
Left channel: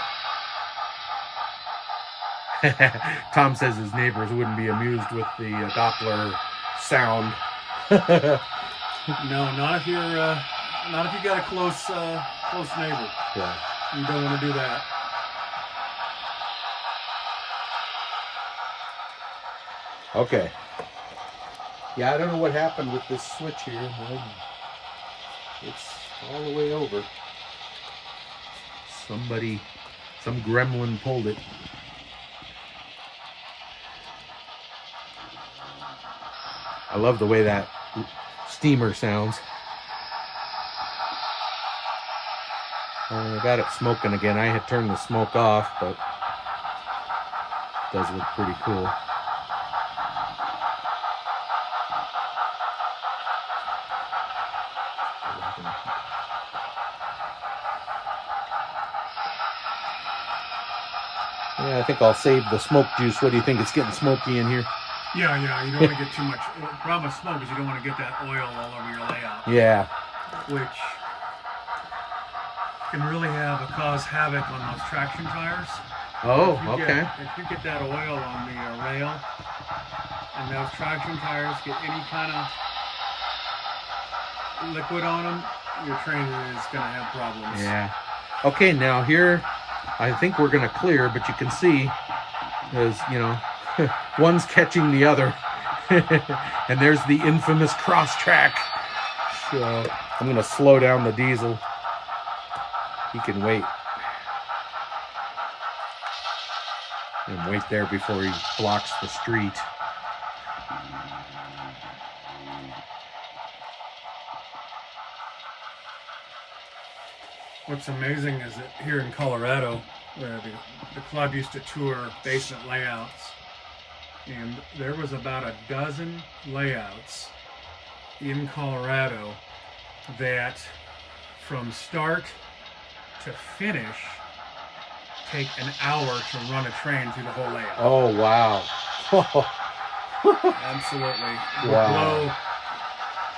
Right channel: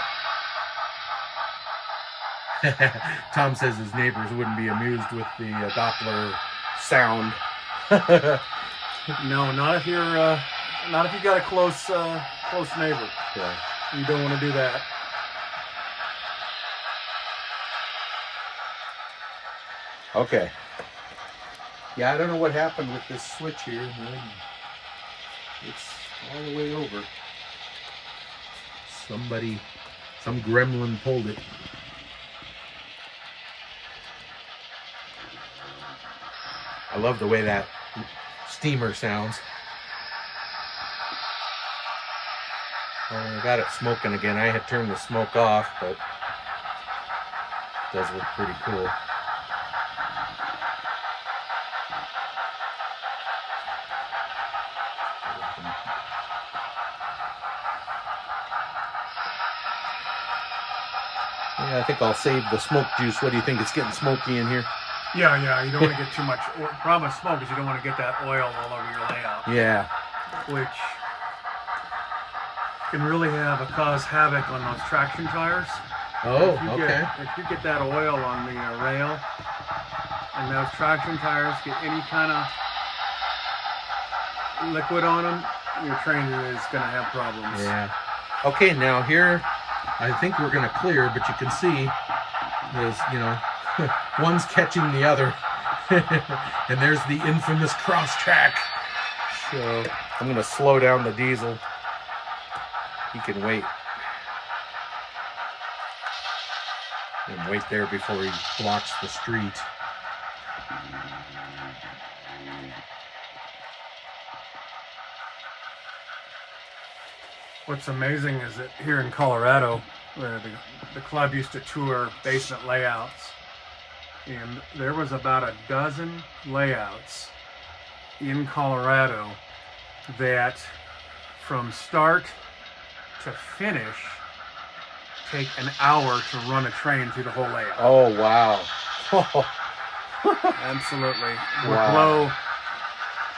Tom says his neighbors wouldn't be amused with the Doppler sound. No, not if you got a close neighbor. Yeah. You don't want to do that. Okay. Yeah, I don't know what happened with this switch here. It's all the way over. Some gremlin pulled it. I love the way that steamer sounds. I got it smoking again. I had turned the smoke off, but it does look pretty cool. Yeah, I think I'll save the smoke juice. What do you think? It's getting smoky in here. Yeah, you don't want to get too much. The problem with smoke is you don't want to get that oil all over your layout, Yeah. which can really cause havoc on those traction tires. Oh, If you okay. If you get that oil on the rail and those traction tires get any kind of liquid on them, your train is going to have problems. Yeah. Okay, now here, I think we're going to clear, but you can see there's, one's catching the other. And there's the infamous cross track. So I'm going to slow down the diesel. He can wait. And wait there before he blocks the street. What's amazing is that here in Colorado, the club used to tour basement layouts, and there was about a dozen layouts in Colorado that from start to finish take an hour to run a train through the whole layout. Oh, wow. Absolutely. Would Wow.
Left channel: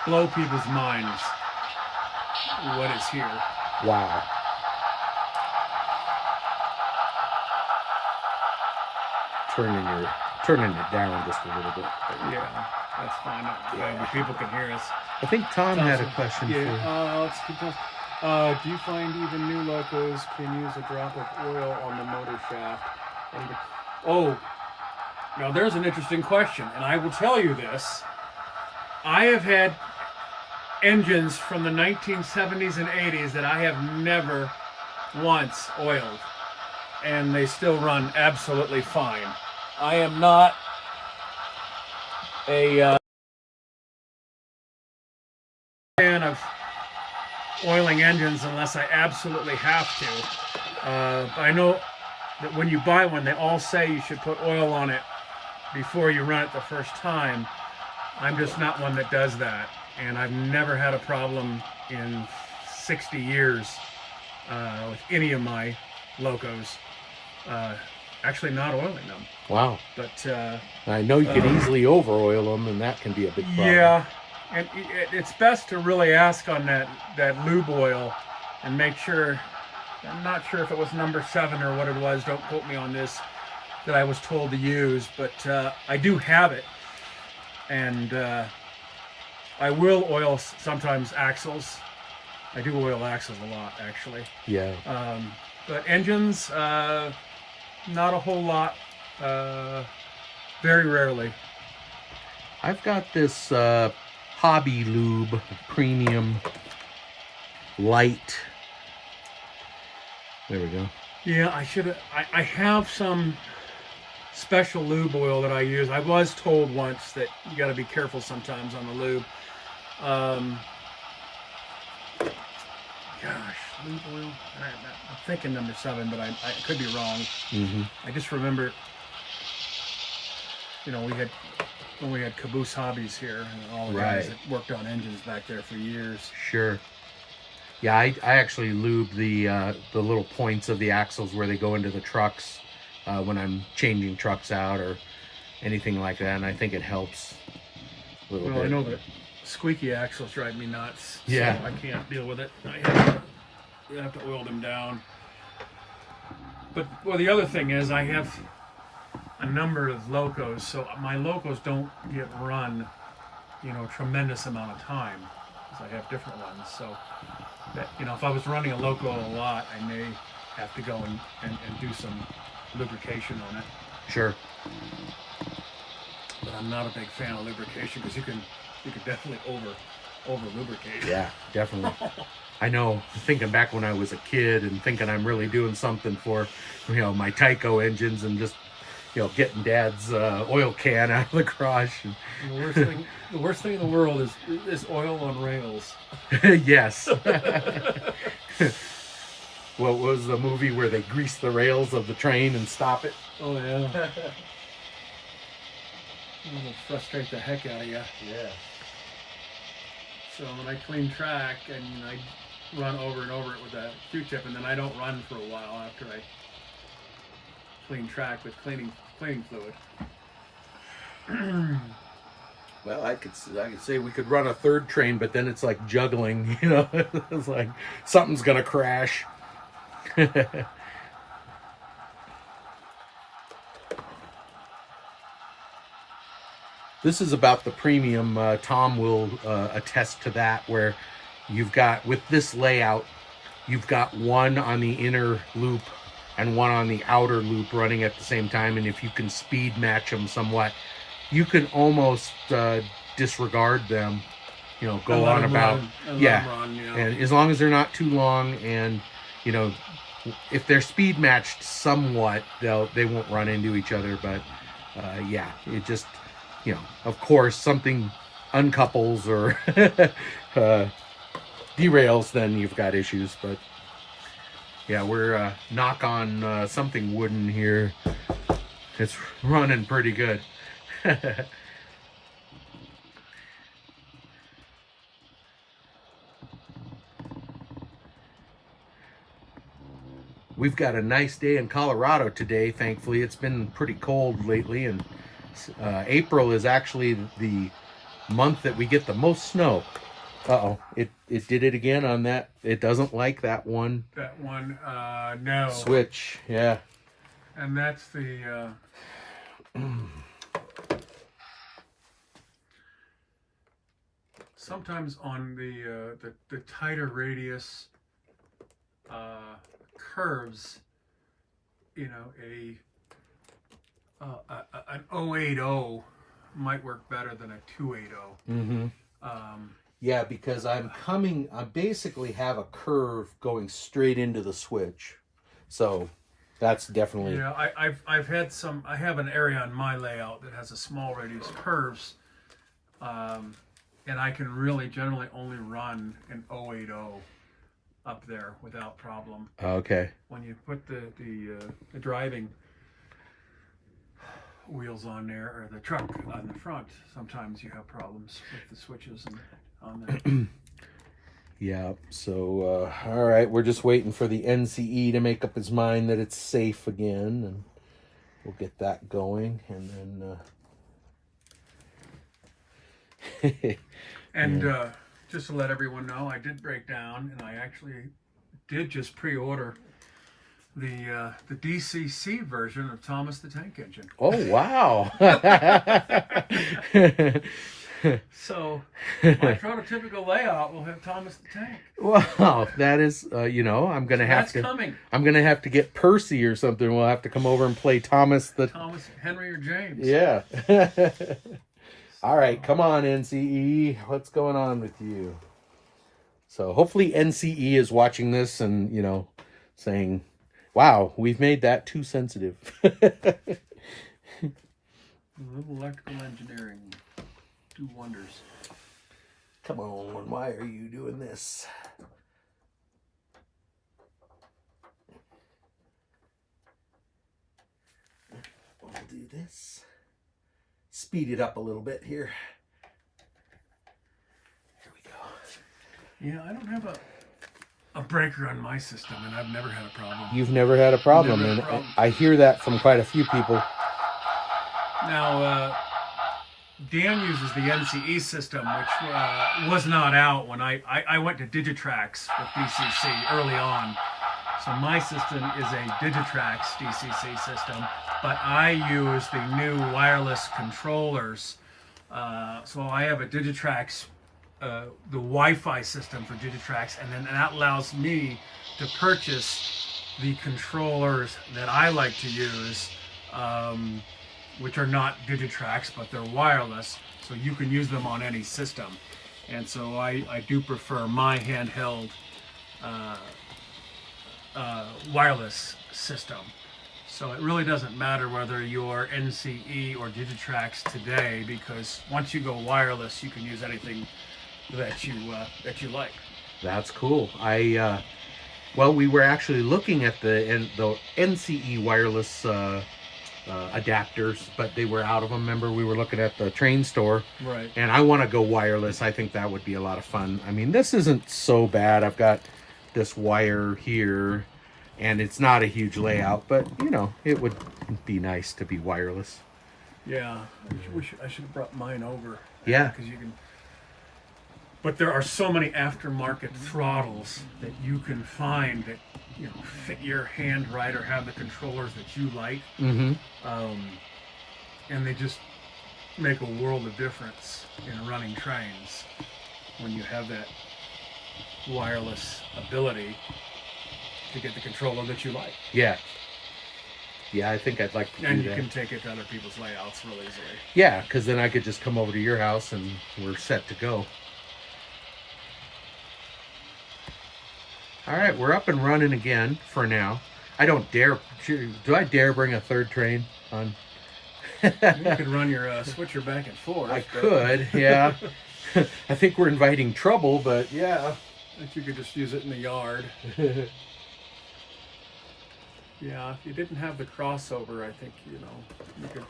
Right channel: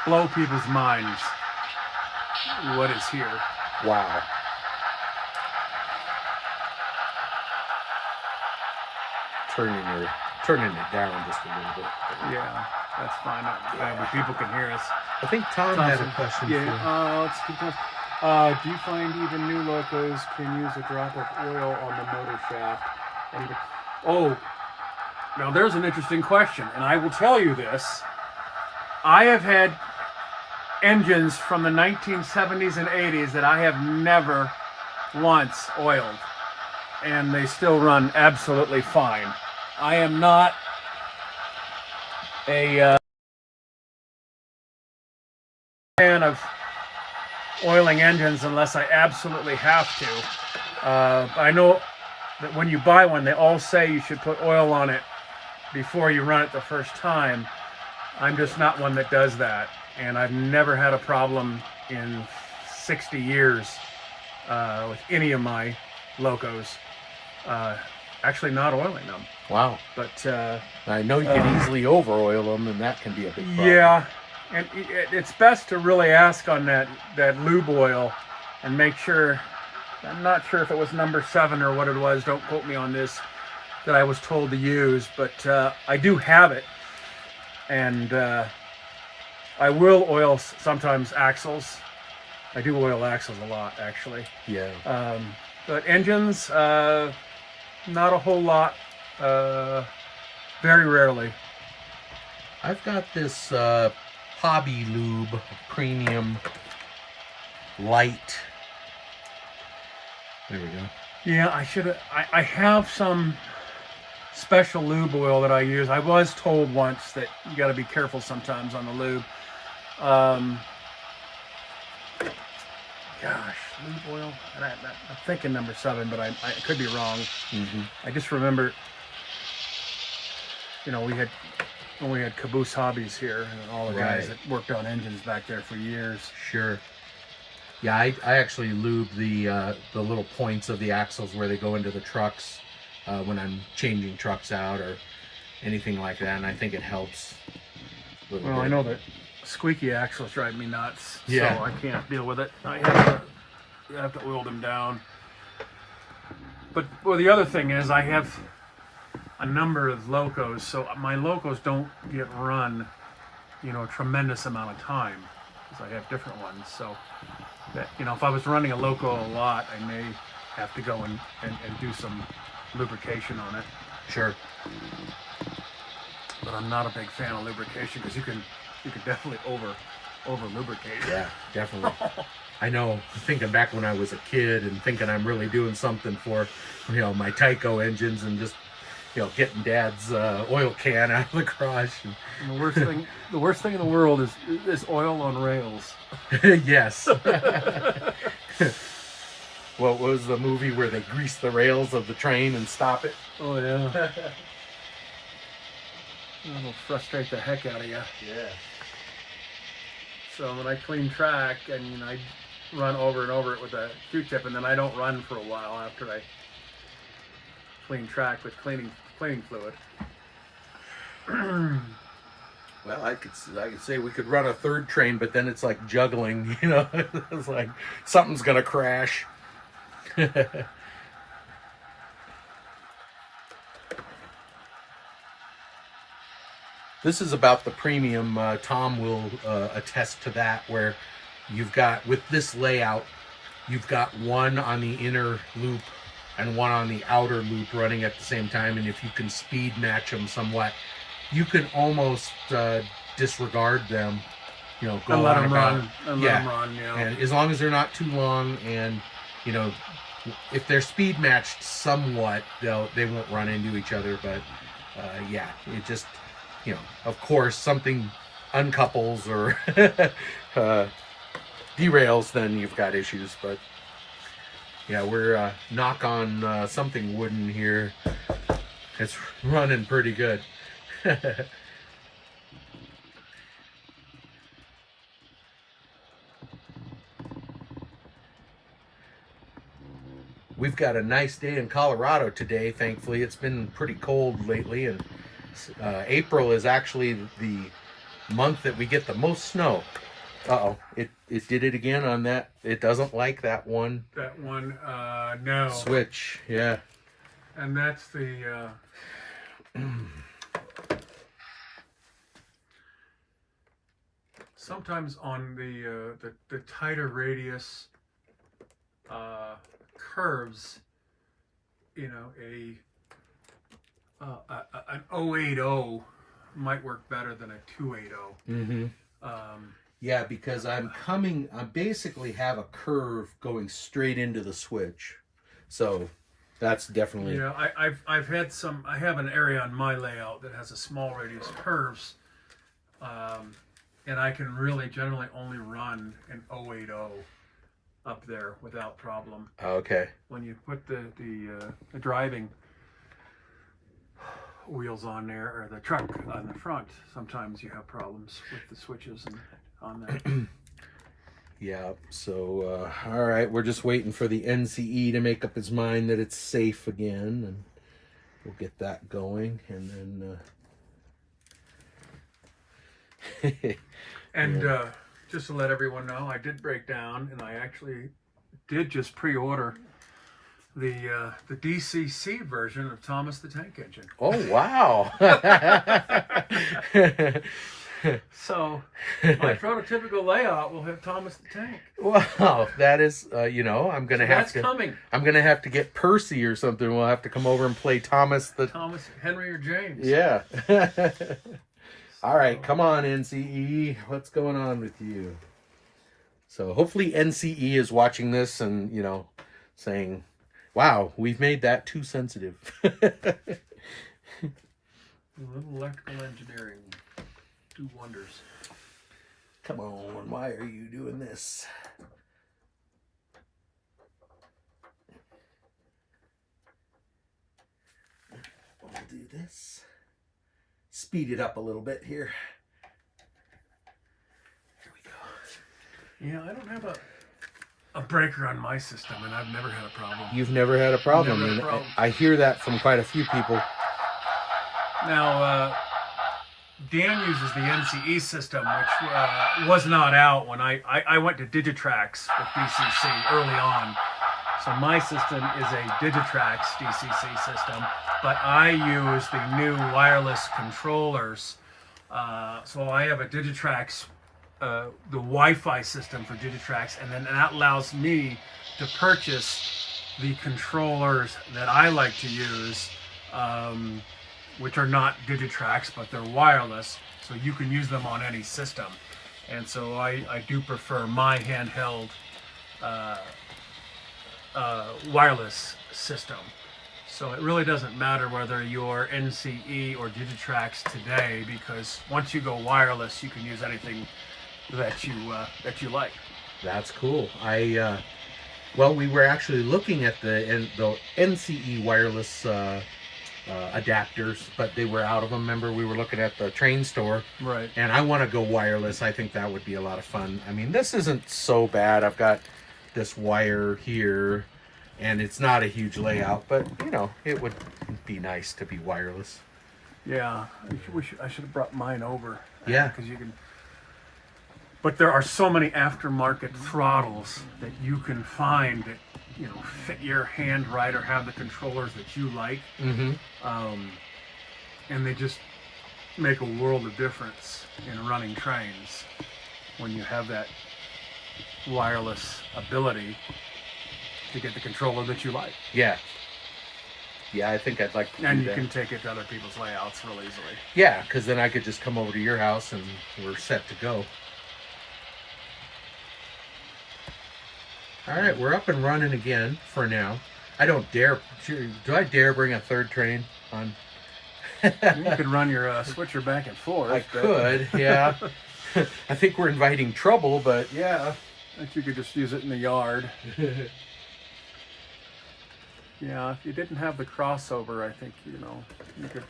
blow people's minds. what is here. Wow. Turning it down just a little bit. Yeah, that's fine. People can hear us. I think Tom had a question for. Let's keep this. Do you find even new Locos can use a drop of oil on the motor shaft? Oh, now there's an interesting question, and I will tell you this. I have had engines from the 1970s and 80s that I have never once oiled, and they still run absolutely fine. I am not a fan of oiling engines unless I absolutely have to. I know that when you buy one, they all say you should put oil on it before you run it the first time. I'm just not one that does that, and I've never had a problem in 60 years with any of my Locos. Actually not oiling them. Wow. But I know you can easily over oil them, and that can be a big problem. yeah, and it's best to really ask on that lube oil and make sure. I'm not sure if it was number 7 or what it was. Don't quote me on this. That I was told to use, but I do have it, and I will oil sometimes axles. I do oil axles a lot, actually. Yeah. But engines, not a whole lot. Very rarely. I've got this Hobby Lube Premium Light. There we go. Yeah, I should have. I have some special lube oil that I use. I was told once that you got to be careful sometimes on the lube. Gosh, lube oil. And I'm thinking number 7, but I could be wrong. Mm-hmm. I just remember, when we had Caboose Hobbies here, and all the guys that worked on engines back there for years. Sure. Yeah, I actually lube the little points of the axles where they go into the trucks when I'm changing trucks out or anything like that, and I think it helps. Well, I know that squeaky axles drive me nuts, yeah. So I can't deal with it. I have to oil them down. But the other thing is I have a number of Locos, so my Locos don't get run, a tremendous amount of time, because I have different ones. So that if I was running a Loco a lot, I may have to go and do some lubrication on it. Sure. But I'm not a big fan of lubrication, because you can definitely over lubricate. Yeah, definitely. I know, thinking back when I was a kid and thinking I'm really doing something for, my Tyco engines, and just, getting Dad's oil can out of the garage. And the worst thing in the world is oil on rails. Yes. What was the movie where they grease the rails of the train and stop it? Oh yeah. It'll frustrate the heck out of you. Yeah. So when I clean track, and I run over and over it with a Q-tip, and then I don't run for a while after I clean track with cleaning fluid. Well, I could say we could run a third train, but then it's like juggling, It's like something's gonna crash. This is about the premium. Tom will attest to that, where you've got, with this layout, you've got one on the inner loop and one on the outer loop running at the same time, and if you can speed match them somewhat, you can almost disregard them, go on about. Yeah, and as long as they're not too long, and if they're speed matched somewhat, they won't run into each other. But yeah, it just, of course, something uncouples or derails, then you've got issues. But yeah, we're knock on something wooden here. It's running pretty good. We've got a nice day in Colorado today, thankfully. It's been pretty cold lately, and April is actually the month that we get the most snow. Uh-oh. It did it again on that. It doesn't like that one That one, no. switch. Yeah. And that's the, sometimes on the tighter radius curves, you know, an 080 might work better than a 280. Mm-hmm. Yeah, because I basically have a curve going straight into the switch. So that's definitely... Yeah, I've had some, I have an area on my layout that has a small radius curves, and I can really generally only run an 080 up there without problem. Okay. When you put the driving wheels on there, or the truck on the front, sometimes you have problems with the switches and on there. Yeah, so, all right, we're just waiting for the NCE to make up his mind that it's safe again, and we'll get that going, and then... And just to let everyone know, I did break down, and I actually did just pre-order the DCC version of Thomas the Tank Engine. Oh, wow. So my prototypical layout will have Thomas the Tank. Wow, that is, you know, I'm gonna have to. Coming. I'm gonna have to get Percy or something. We'll have to come over and play Thomas, Henry, or James. Yeah. All right, come on, NCE. What's going on with you? So hopefully NCE is watching this and, you know, saying, "Wow, we've made that too sensitive." A little electrical engineering do wonders. Come on, why are you doing this? We'll do this. Speed it up a little bit here. Here we go. Yeah, I don't have a breaker on my system, and I've never had a problem. You've never had a problem, Never had a and problem. I hear that from quite a few people. Now, Dan uses the NCE system, which was not out when I went to Digitrax with DCC early on. So my system is a Digitrax DCC system, but I use the new wireless controllers. So I have a Digitrax, the Wi-Fi system for Digitrax, and then that allows me to purchase the controllers that I like to use, which are not Digitrax, but they're wireless, so you can use them on any system. And so I do prefer my handheld wireless system. So it really doesn't matter whether you're NCE or Digitrax today, because once you go wireless, you can use anything that you like. That's cool. Well, we were actually looking at the NCE wireless adapters, but they were out of them. Remember, we were looking at the train store. Right. And I want to go wireless. I think that would be a lot of fun. I mean, this isn't so bad. I've got this wire here, and it's not a huge layout, but, you know, it would be nice to be wireless. Yeah. I should have brought mine over. Yeah. Because you can... But there are so many aftermarket throttles that you can find that, you know, fit your hand right or have the controllers that you like. Mm-hmm. And they just make a world of difference in running trains when you have that wireless ability to get the controller that you like. Yeah. Yeah, I think I'd like to do And you that. can take it to other people's layouts real easily. Yeah, because then I could just come over to your house and we're set to go. All right, we're up and running again for now. I don't dare. Do I dare bring a third train on? You could run your switcher back and forth. I could, yeah. I think we're inviting trouble, but yeah. I think you could just use it in the yard. Yeah, if you didn't have the crossover, I think, you know, you could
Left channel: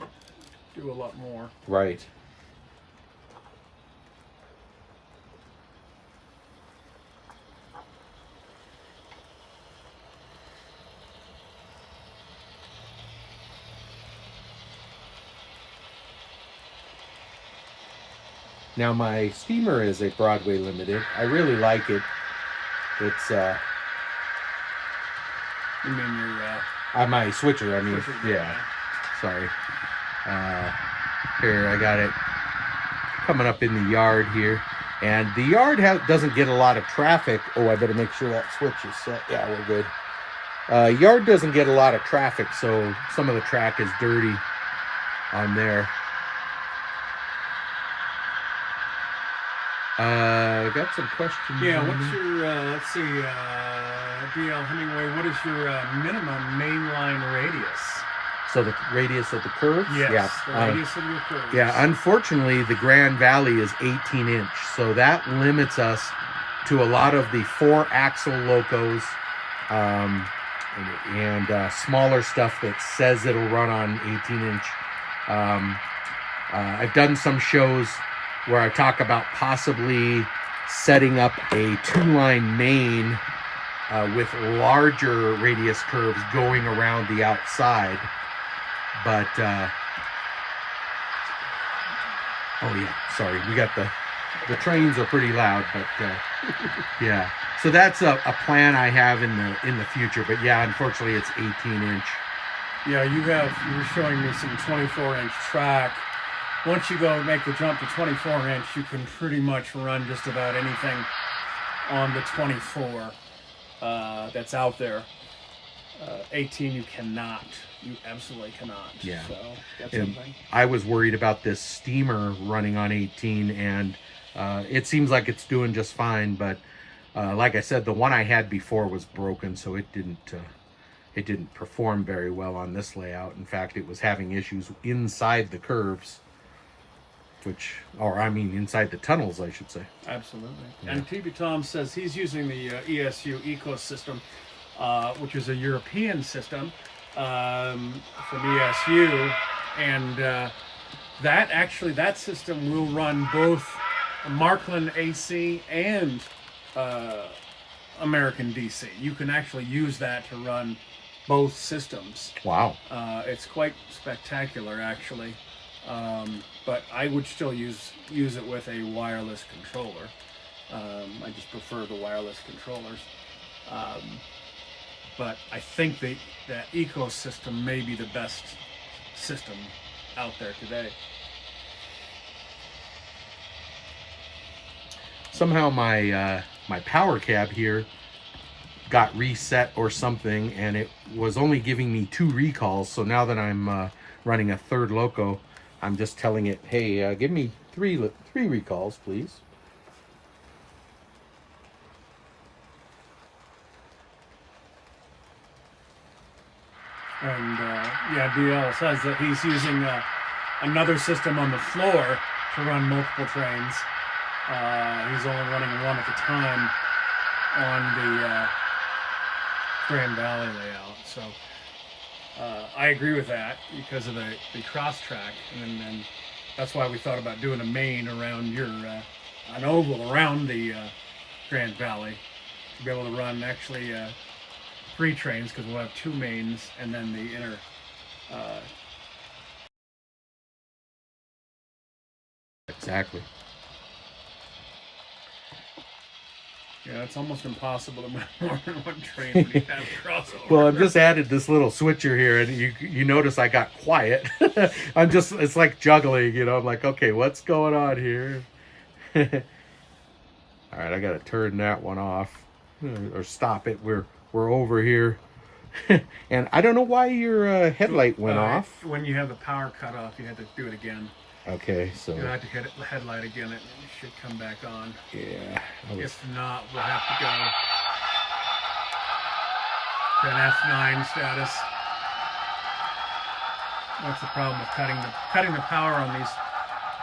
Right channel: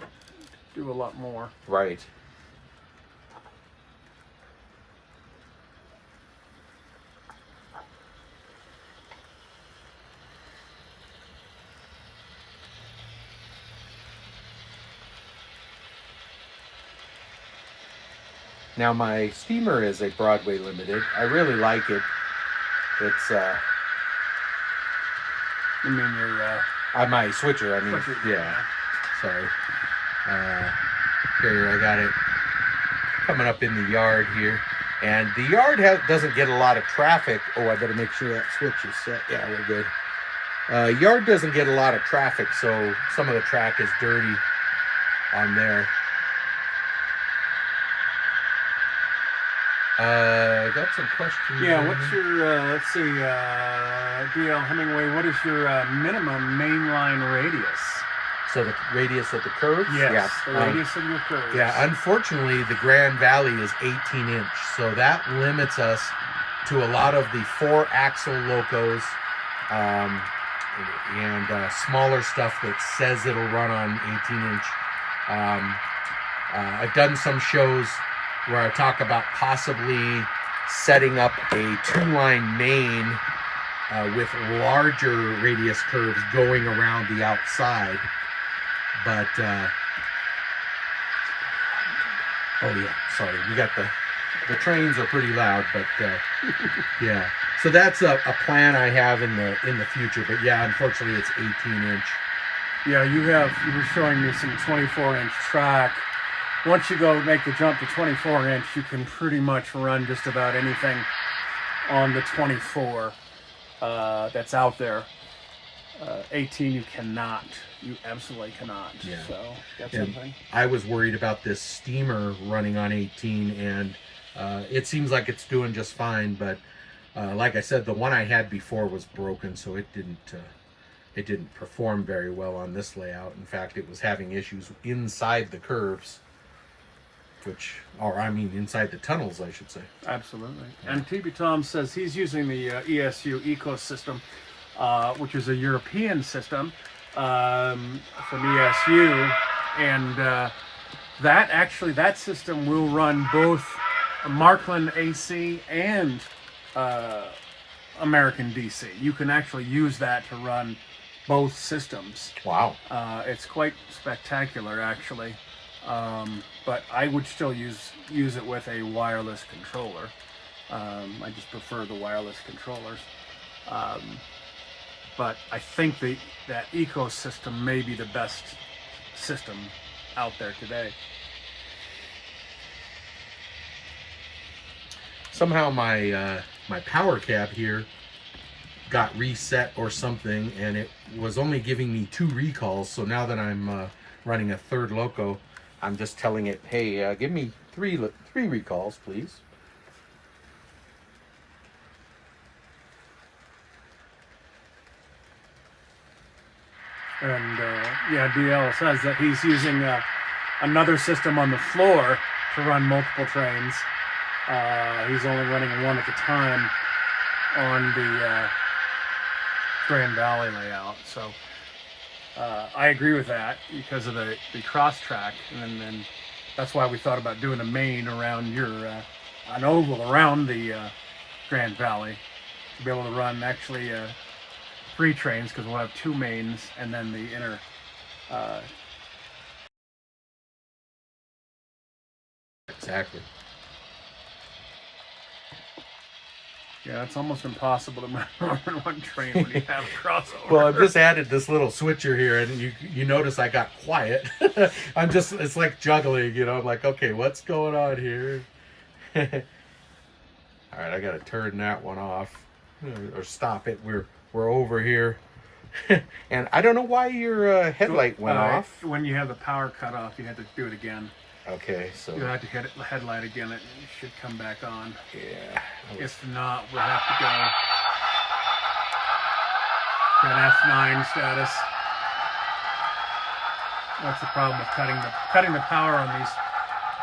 do a lot more. Right. Now my steamer is a Broadway Limited. I really like it. It's You mean your my switcher. I mean, switcher? yeah. Sorry. Here I got it coming up in the yard here, and the yard doesn't get a lot of traffic. Oh, I better make sure that switch is set. Yeah, we're good. Yard doesn't get a lot of traffic, so some of the track is dirty on there. Got some questions. Yeah, what's your, let's see, DL Hemingway, what is your minimum mainline radius? So the radius of the curves? Yes, the radius of your curves. Yeah, unfortunately, the Grand Valley is 18 inch, so that limits us to a lot of the 4-axle Locos and smaller stuff that says it'll run on 18 inch. I've done some shows where I talk about possibly setting up a 2-line main with larger radius curves going around the outside. But, oh yeah, sorry, we got the trains are pretty loud, but yeah. So that's a plan I have in the future, but yeah, unfortunately it's 18 inch. Yeah, you were showing me some 24-inch track. Once you go make the jump to 24-inch, you can pretty much run just about anything on the 24 that's out there. 18 you cannot. You absolutely cannot. Yeah. So that's And something. I was worried about this steamer running on 18, and it seems like it's doing just fine, but like I said, the one I had before was broken, so it didn't perform very well on this layout. In fact, it was having issues inside the curves, inside the tunnels, I should say. Absolutely. Yeah. And TB Tom says he's using the ESU ecosystem, which is a European system from ESU, and that system will run both Markland AC and American DC. You can actually use that to run both systems. Wow. It's quite spectacular, actually. But I would still use it with a wireless controller. I just prefer the wireless controllers. But I think that ecosystem may be the best system out there today. Somehow my power cab here got reset or something, and it was only giving me 2 recalls. So now that I'm running a third Loco, I'm just telling it, hey, give me three recalls, please. And yeah, DL says that he's using another system on the floor to run multiple trains. He's only running one at a time on the Grand Valley layout. So I agree with that because of the cross track, and that's why we thought about doing a main around an oval around the Grand Valley to be able to run actually 3 trains, because we'll have 2 mains and then the inner. Exactly. Yeah, it's almost impossible to run more than one train when you have a crossover. Well, I've just added this little switcher here, and you notice I got quiet. It's like juggling, I'm like, okay, what's going on here? All right, I got to turn that one off or stop it. We're over here. And I don't know why your headlight went off. When you have the power cut off, you had to do it again. Okay, so You have to hit the headlight again, it should come back on. yeah. If not, we'll have to go to an F9 status. That's the problem with cutting the power on these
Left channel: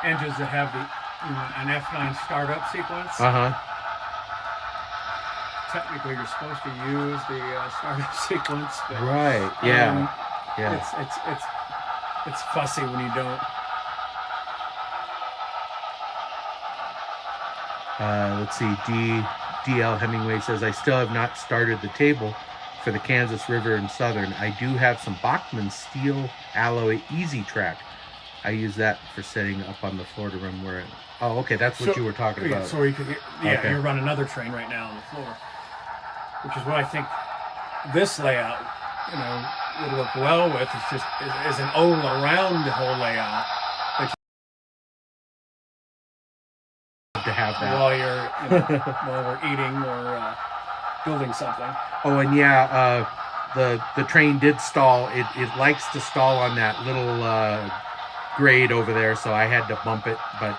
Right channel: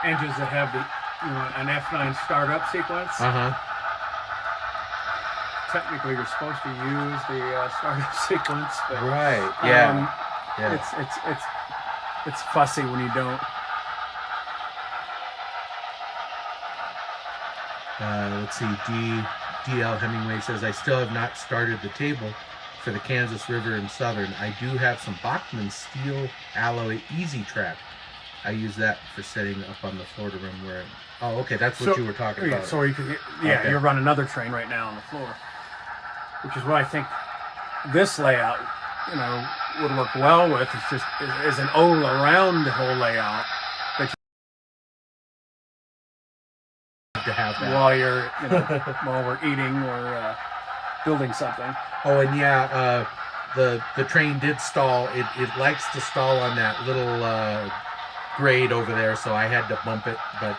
engines that have an F9 startup sequence. Technically, you're supposed to use the startup sequence, but Right. Yeah. it's fussy when you don't. Let's see. DL Hemingway says, I still have not started the table for the Kansas River and Southern. I do have some Bachmann steel alloy easy track I use that for setting up on the floor to run where. Oh, okay, that's what you were talking about. So you could, Okay. you run another train right now on the floor, which is what I think this layout, would work well with. It's just is an all around the whole layout To have that. while you're while we're eating or building something. Oh, and yeah, the train did stall. It likes to stall on that little grade over there, so I had to bump it. But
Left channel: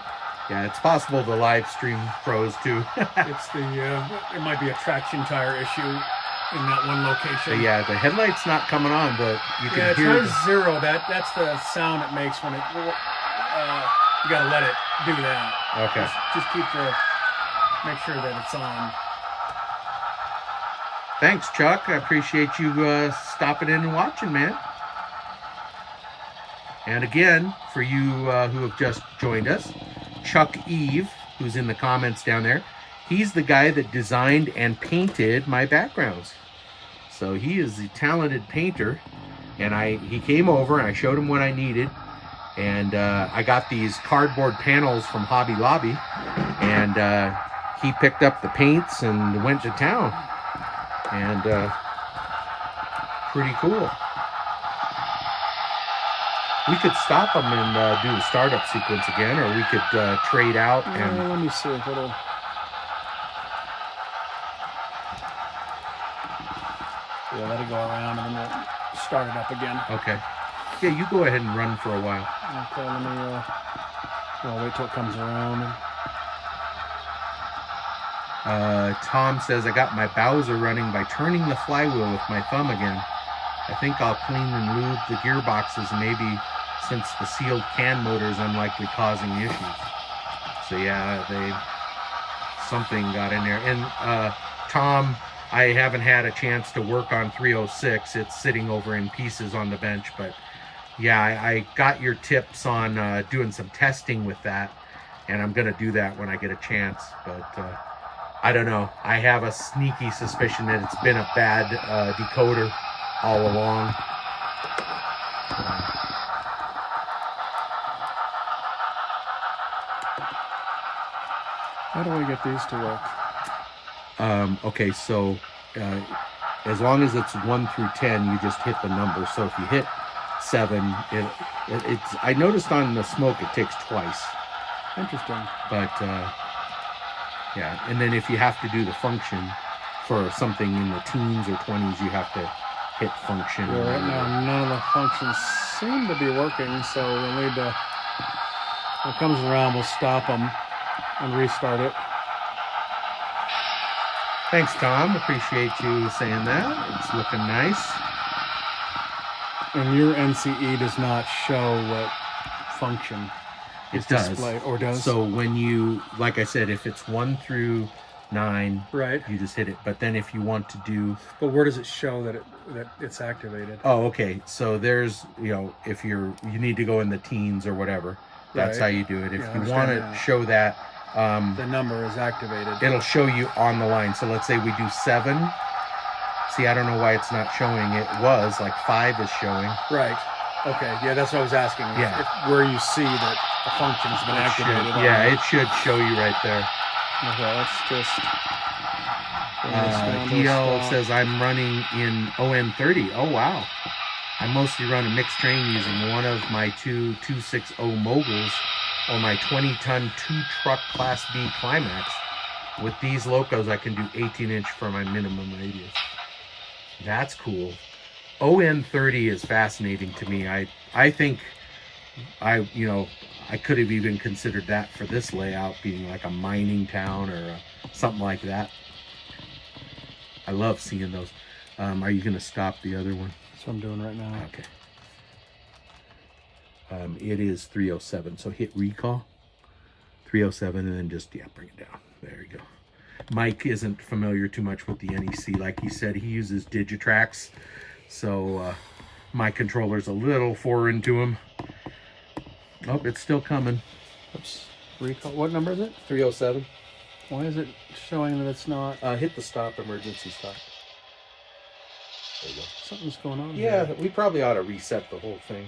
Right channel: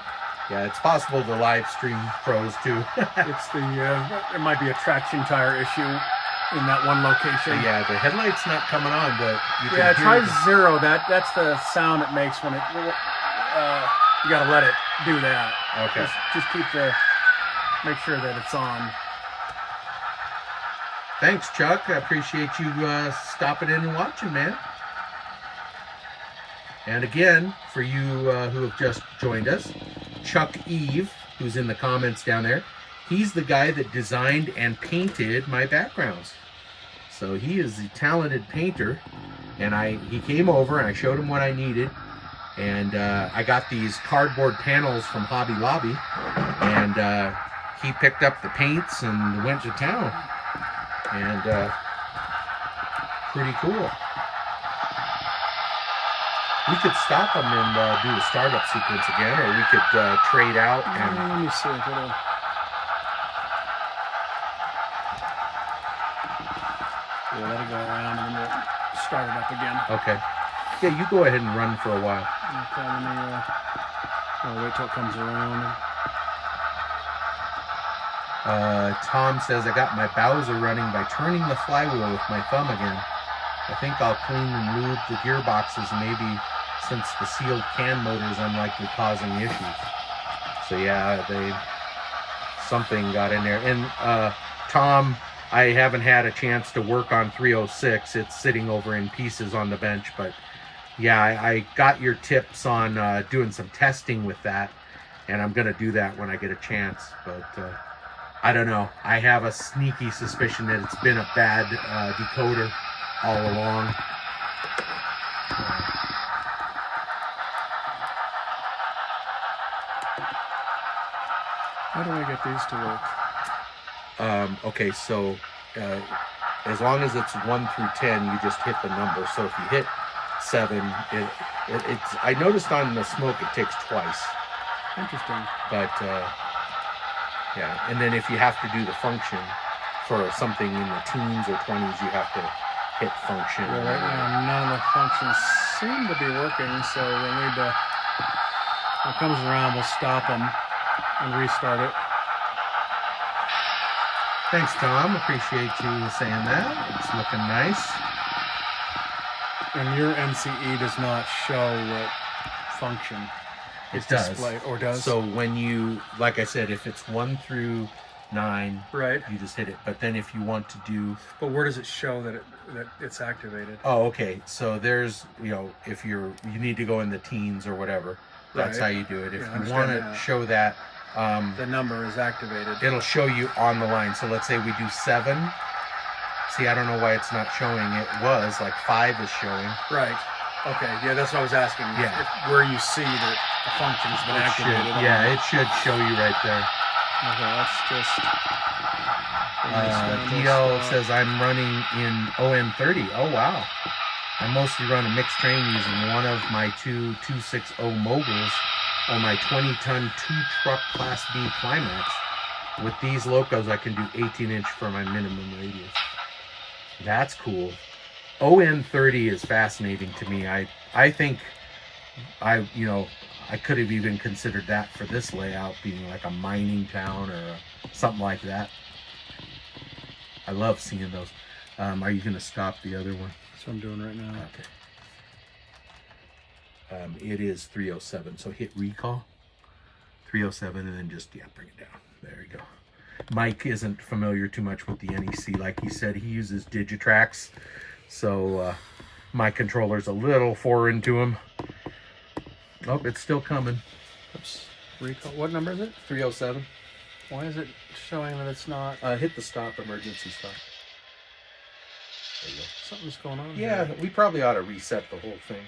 yeah, it's possible the live stream froze too. It's it might be a traction tire issue in that one location. Yeah, the headlight's not coming on, but you can hear. Try zero. That's the sound it makes when it. You gotta let it do that. Okay. Just make sure that it's on. Thanks, Chuck. I appreciate you stopping in and watching, man. And again, for you who have just joined us, Chuck Eve, who's in the comments down there, he's the guy that designed and painted my backgrounds. So he is a talented painter, and he came over and I showed him what I needed, and I got these cardboard panels from Hobby Lobby, and he picked up the paints and went to town, and pretty cool. We could stop them and do the startup sequence again, or we could trade out and. Let me see if it'll. Yeah, let it go around and then we'll start it up again. Okay. Yeah, you go ahead and run for a while. Okay, let me. I'll wait till it comes around. Tom says I got my Bowser running by turning the flywheel with my thumb again. I think I'll clean and lube the gearboxes, maybe, since the sealed can motor is unlikely causing issues. So yeah, something got in there. And Tom, I haven't had a chance to work on 306. It's sitting over in pieces on the bench, but yeah, I got your tips on doing some testing with that, and I'm gonna do that when I get a chance. But I don't know. I have a sneaky suspicion that it's been a bad decoder all along. How do I get these to work? Okay, so as long as it's 1 through 10, you just hit the number. So if you hit 7, it's. I noticed on the smoke it takes twice. Interesting. But yeah, and then if you have to do the function for something in the teens or 20s, you have to hit function. Well, right now, none of the functions seem to be working, so we'll need to. When it comes around, we'll stop them and restart it. Thanks, Tom. Appreciate you saying that. It's looking nice. And your NCE does not show what function It does. displayed, or does. So when you, like I said, if it's 1 through 9, Right. you just hit it. But then if you want to do, But where does it show that it's activated? oh, okay. So there's, if you need to go in the teens or whatever, that's Right. how you do it. If Yeah, I you want understand to that. show that, The number is activated. it'll show you on the line. So let's say we do 7. See, I don't know why it's not showing. It was like 5 is showing. Right. Okay. Yeah, that's what I was asking. Yeah. Where you see that the function's been activated. Yeah, it should show you right there. Okay, let's just. DL says I'm running in OM30. Oh wow. I mostly run a mixed train using one of my two 260 moguls or my 20-ton 2-truck Class B Climax. With these Locos, I can do 18-inch for my minimum radius. That's cool. OM30 is fascinating to me. I think I could have even considered that for this layout, being like a mining town or something like that. I love seeing those. Are you going to stop the other one? That's what I'm doing right now. Okay. It is 307. So hit recall. 307 and then just, bring it down. There you go. Mike isn't familiar too much with the NEC. Like he said, he uses Digitrax. So my controller's a little foreign to him. Oh, it's still coming. Oops. Recall. What number is it? 307. Why is it showing that it's not? Hit the stop, emergency stop. There you go. Something's going on. Yeah, here. we probably ought to reset the whole thing.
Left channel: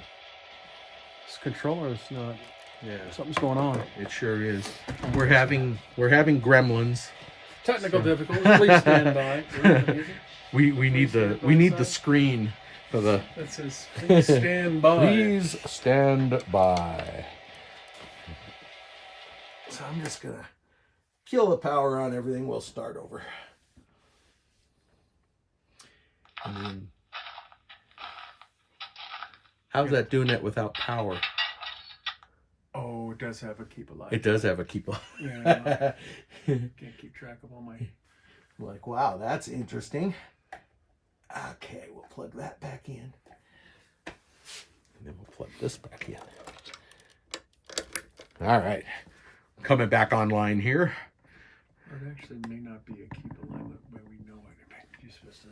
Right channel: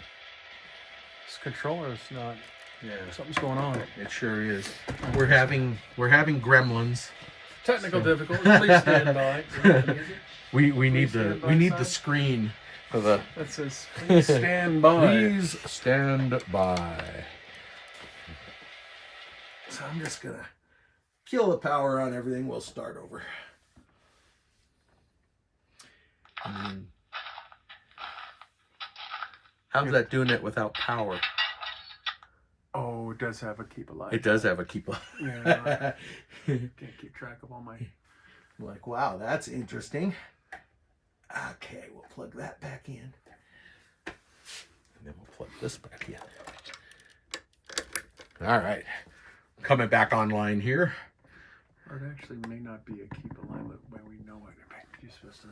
This controller's not. Yeah, Something's going on. it sure is. We're having gremlins. Technical difficulties. Please stand by. We need the sign? screen for the. That says, please stand by. Please stand by. So I'm just gonna kill the power on everything. We'll start over. And then, how's that doing it without power? Oh, it does have a keep alive. It does have a keep on. Yeah, can't keep track of all my. Like, wow, that's interesting. Okay, we'll plug that back in. And then we'll plug this back in. All right. Coming back online here. It actually may not be a keep alignment where we know it. You're supposed to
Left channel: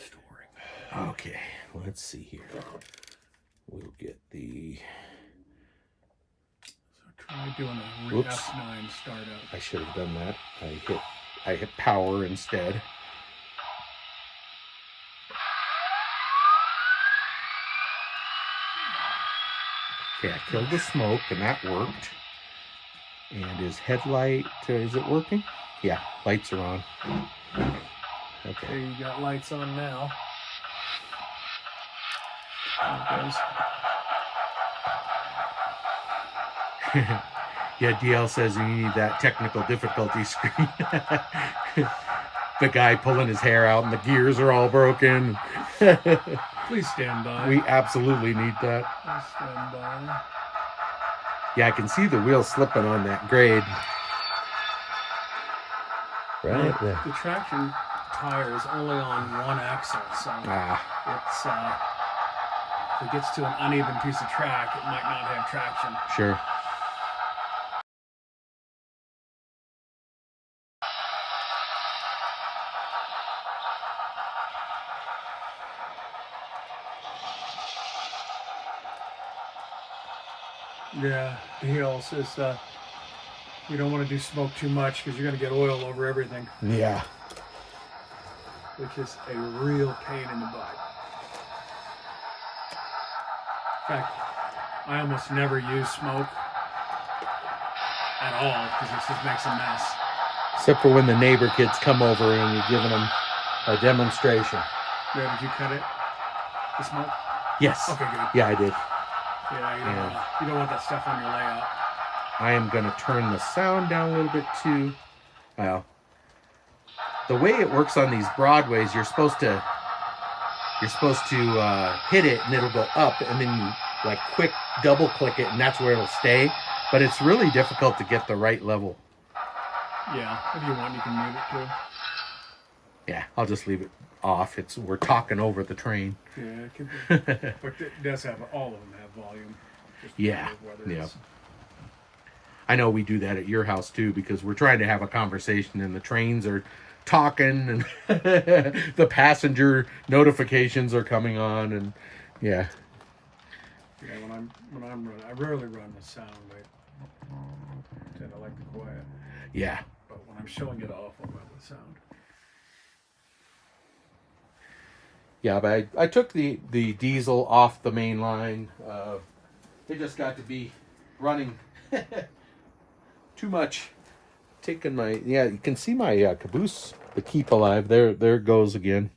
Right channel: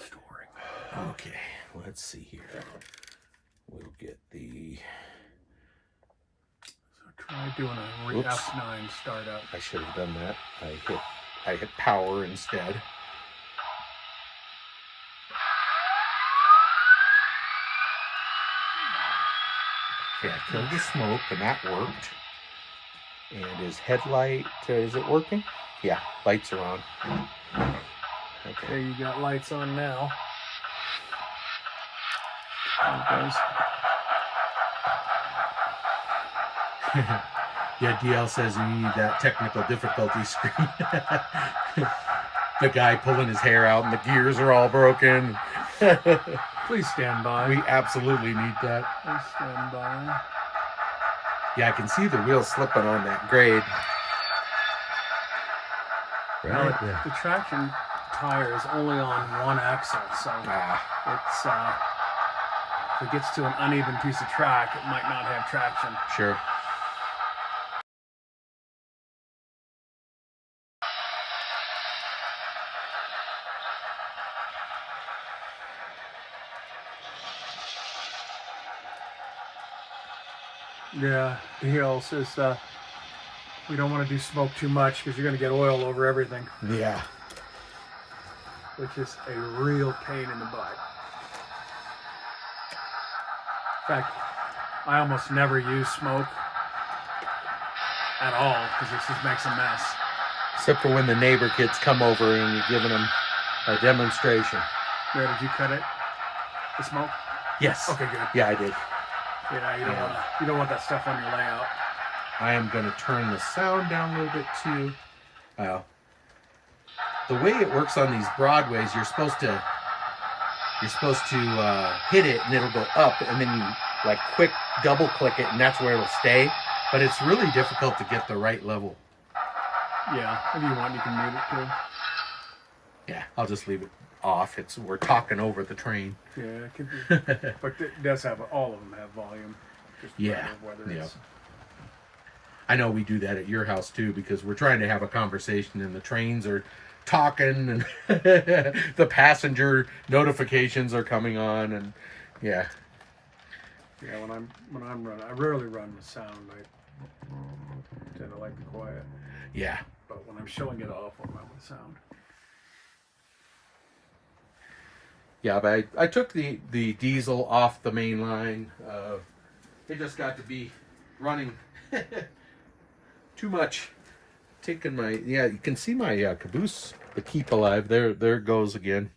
storing. Okay, let's see here. We'll get the. So try doing a Oops. F9 startup. I should have done that. I hit power instead. Okay, I killed the smoke and that worked. And is headlight, is it working? Yeah, lights are on. Okay, Okay. you got lights on now. Yeah, DL says you need that technical difficulty screen. The guy pulling his hair out and the gears are all broken. Please stand by. We absolutely need that. Please stand by. Yeah, I can see the wheel slipping on that grade. Right there. The traction tire is only on one axle, so it's if it gets to an uneven piece of track, it might not have traction. Sure. Yeah, DL says we don't want to do smoke too much because you're going to get oil over everything, Yeah. which is a real pain in the butt. In fact, I almost never use smoke at all because it just makes a mess. Except for when the neighbor kids come over and you're giving them a demonstration. Where did you cut it? The smoke? Yes. Okay, good. Yeah, I did. Yeah, you don't want that stuff on your layout. I am going to turn the sound down a little bit too. Well, the way it works on these Broadways, you're supposed to hit it and it'll go up, and then you like quick double click it, and that's where it'll stay. But it's really difficult to get the right level. Yeah, if you want, you can move it too. Yeah, I'll just leave it off. We're talking over the train. Yeah, it can be. But it does have, all of them have volume. Just a Yeah, matter of whether yeah. it's- I know we do that at your house too, because we're trying to have a conversation and the trains are talking and the passenger notifications are coming on, and yeah. Yeah, when I'm running, I rarely run with sound. I tend to like the quiet. Yeah. But when I'm showing it off, I'll run with sound. Yeah, but I took the diesel off the main line. It just got to be running too much. Taking my, you can see my caboose, the keep alive. There it goes again,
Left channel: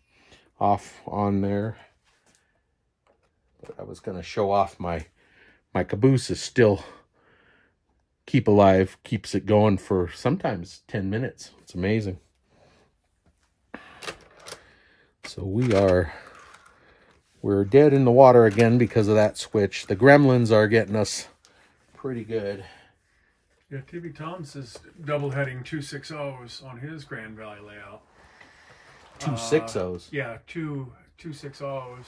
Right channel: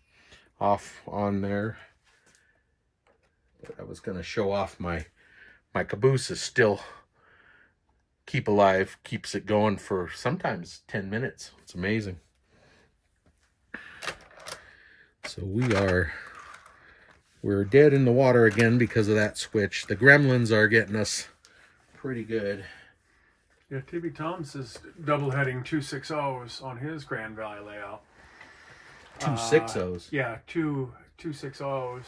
off on there. But I was gonna show off my caboose is still keep alive, keeps it going for sometimes 10 minutes. It's amazing. So we're dead in the water again because of that switch. The gremlins are getting us pretty good. Yeah, TB Tom's is double heading 260s on his Grand Valley layout. 260s. Yeah, two 260s.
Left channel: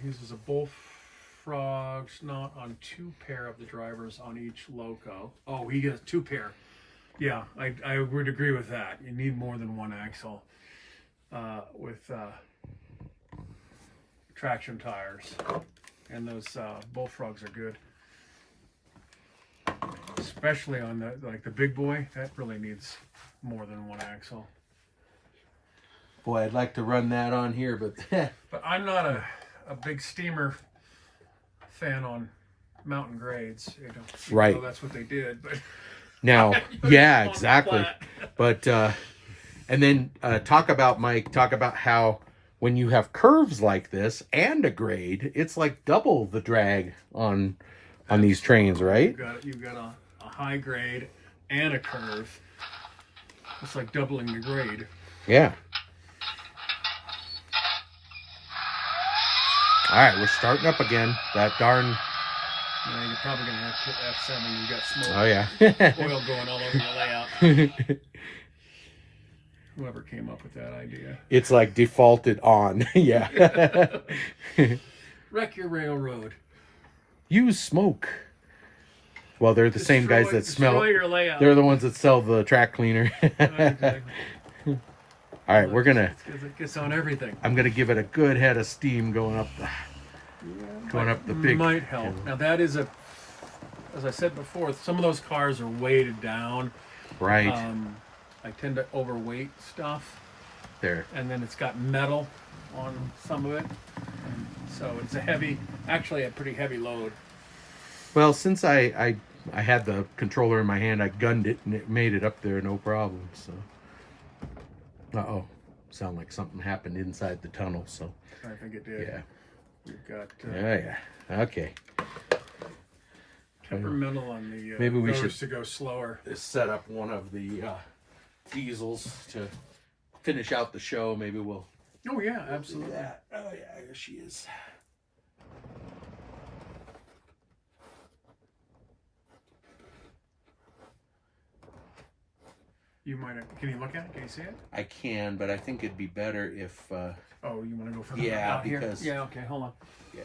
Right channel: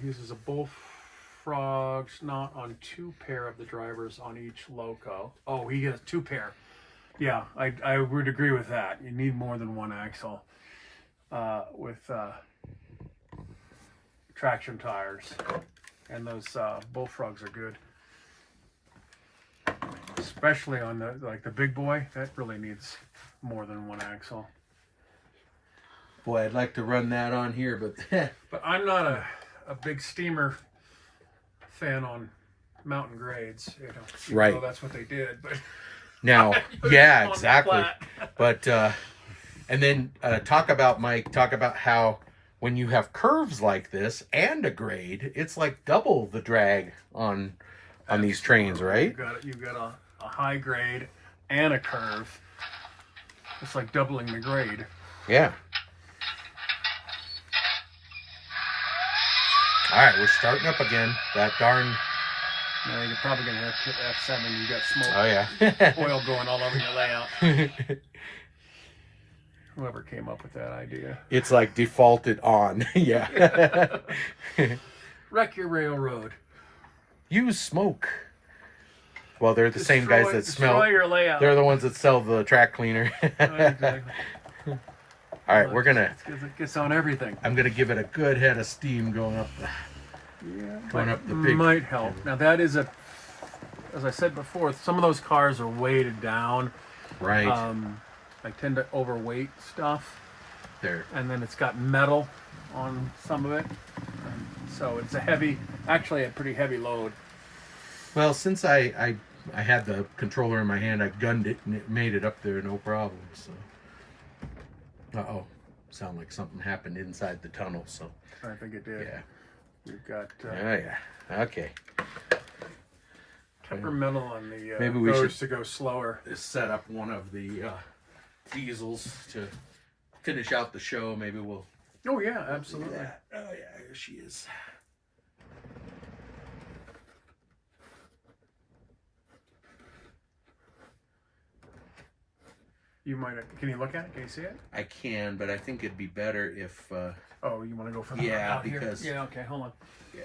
He uses a bullfrog not on two pair of the drivers on each loco. Oh, he has two pair. Yeah, I would agree with that. You need more than one axle with traction tires, and those bullfrogs are good, especially on the big boy. That really needs more than one axle. Boy, I'd like to run that on here, but But I'm not a big steamer fan on mountain grades. You know, Right. Well, that's what they did, but Now, on yeah, the exactly. flat. But and then talk about how when you have curves like this and a grade, it's like double the drag on these trains, right? You've got a high grade and a curve. It's like doubling the grade. Yeah. All right, we're starting up again. That darn. Yeah, you're probably gonna have F7. You got smoke, Oh yeah. oil going all over your layout. Whoever came up with that idea. It's like defaulted on. Yeah. Wreck your railroad. Use smoke. Well, they're the same guys that smell. Destroy your layout. They're the ones that sell the track cleaner. Exactly. All right, we're gonna. It gets on everything. I'm gonna give it a good head of steam going up the big. Might help. Now that is as I said before, some of those cars are weighted down. Right I tend to overweight stuff, there. and then it's got metal on some of it, so it's actually a pretty heavy load. Well, since I had the controller in my hand, I gunned it and it made it up there no problem. So. Uh-oh. Sound like something happened inside the tunnel, so. I think it did. Yeah. We've got Yeah. Okay. temperamental on the Maybe we roads should to go slower. set up one of the diesels to finish out the show. Maybe we'll. Oh yeah, absolutely. Oh yeah, here she is. You might. Can you look at it? Can you see it? I can, but I think it'd be better if. Oh, you want to go for the Yeah, out here? because- Yeah. Okay. Hold on. Yeah.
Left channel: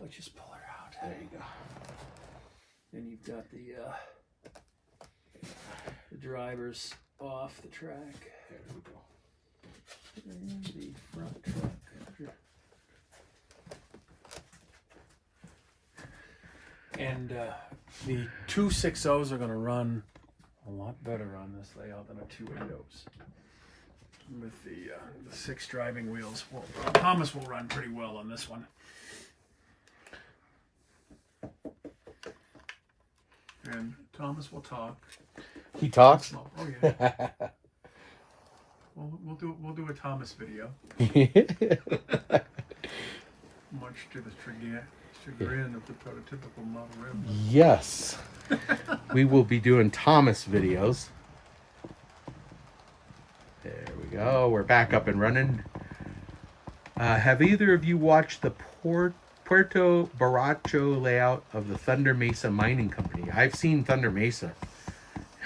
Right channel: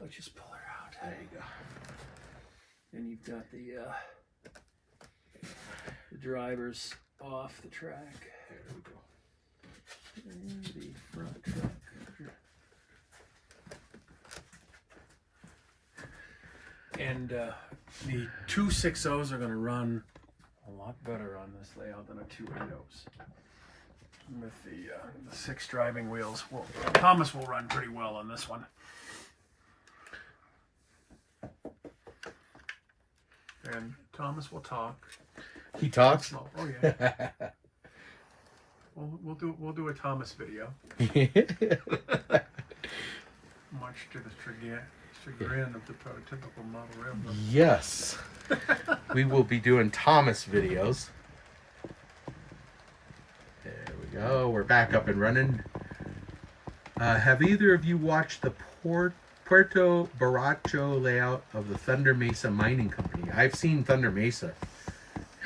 Let's just pull her out. There you go. Then you've got the drivers off the track. There we go. And the front truck. And the 260s are going to run a lot better on this layout than a 280s. With the 6 driving wheels, Thomas will run pretty well on this one. And Thomas will talk. He talks. Slow. Oh yeah. We'll do a Thomas video. Much to the chagrin of the prototypical Model M. Yes. We will be doing Thomas videos. There we go. We're back up and running. Have either of you watched the Puerto Baracho layout of the Thunder Mesa Mining Company? I've seen Thunder Mesa.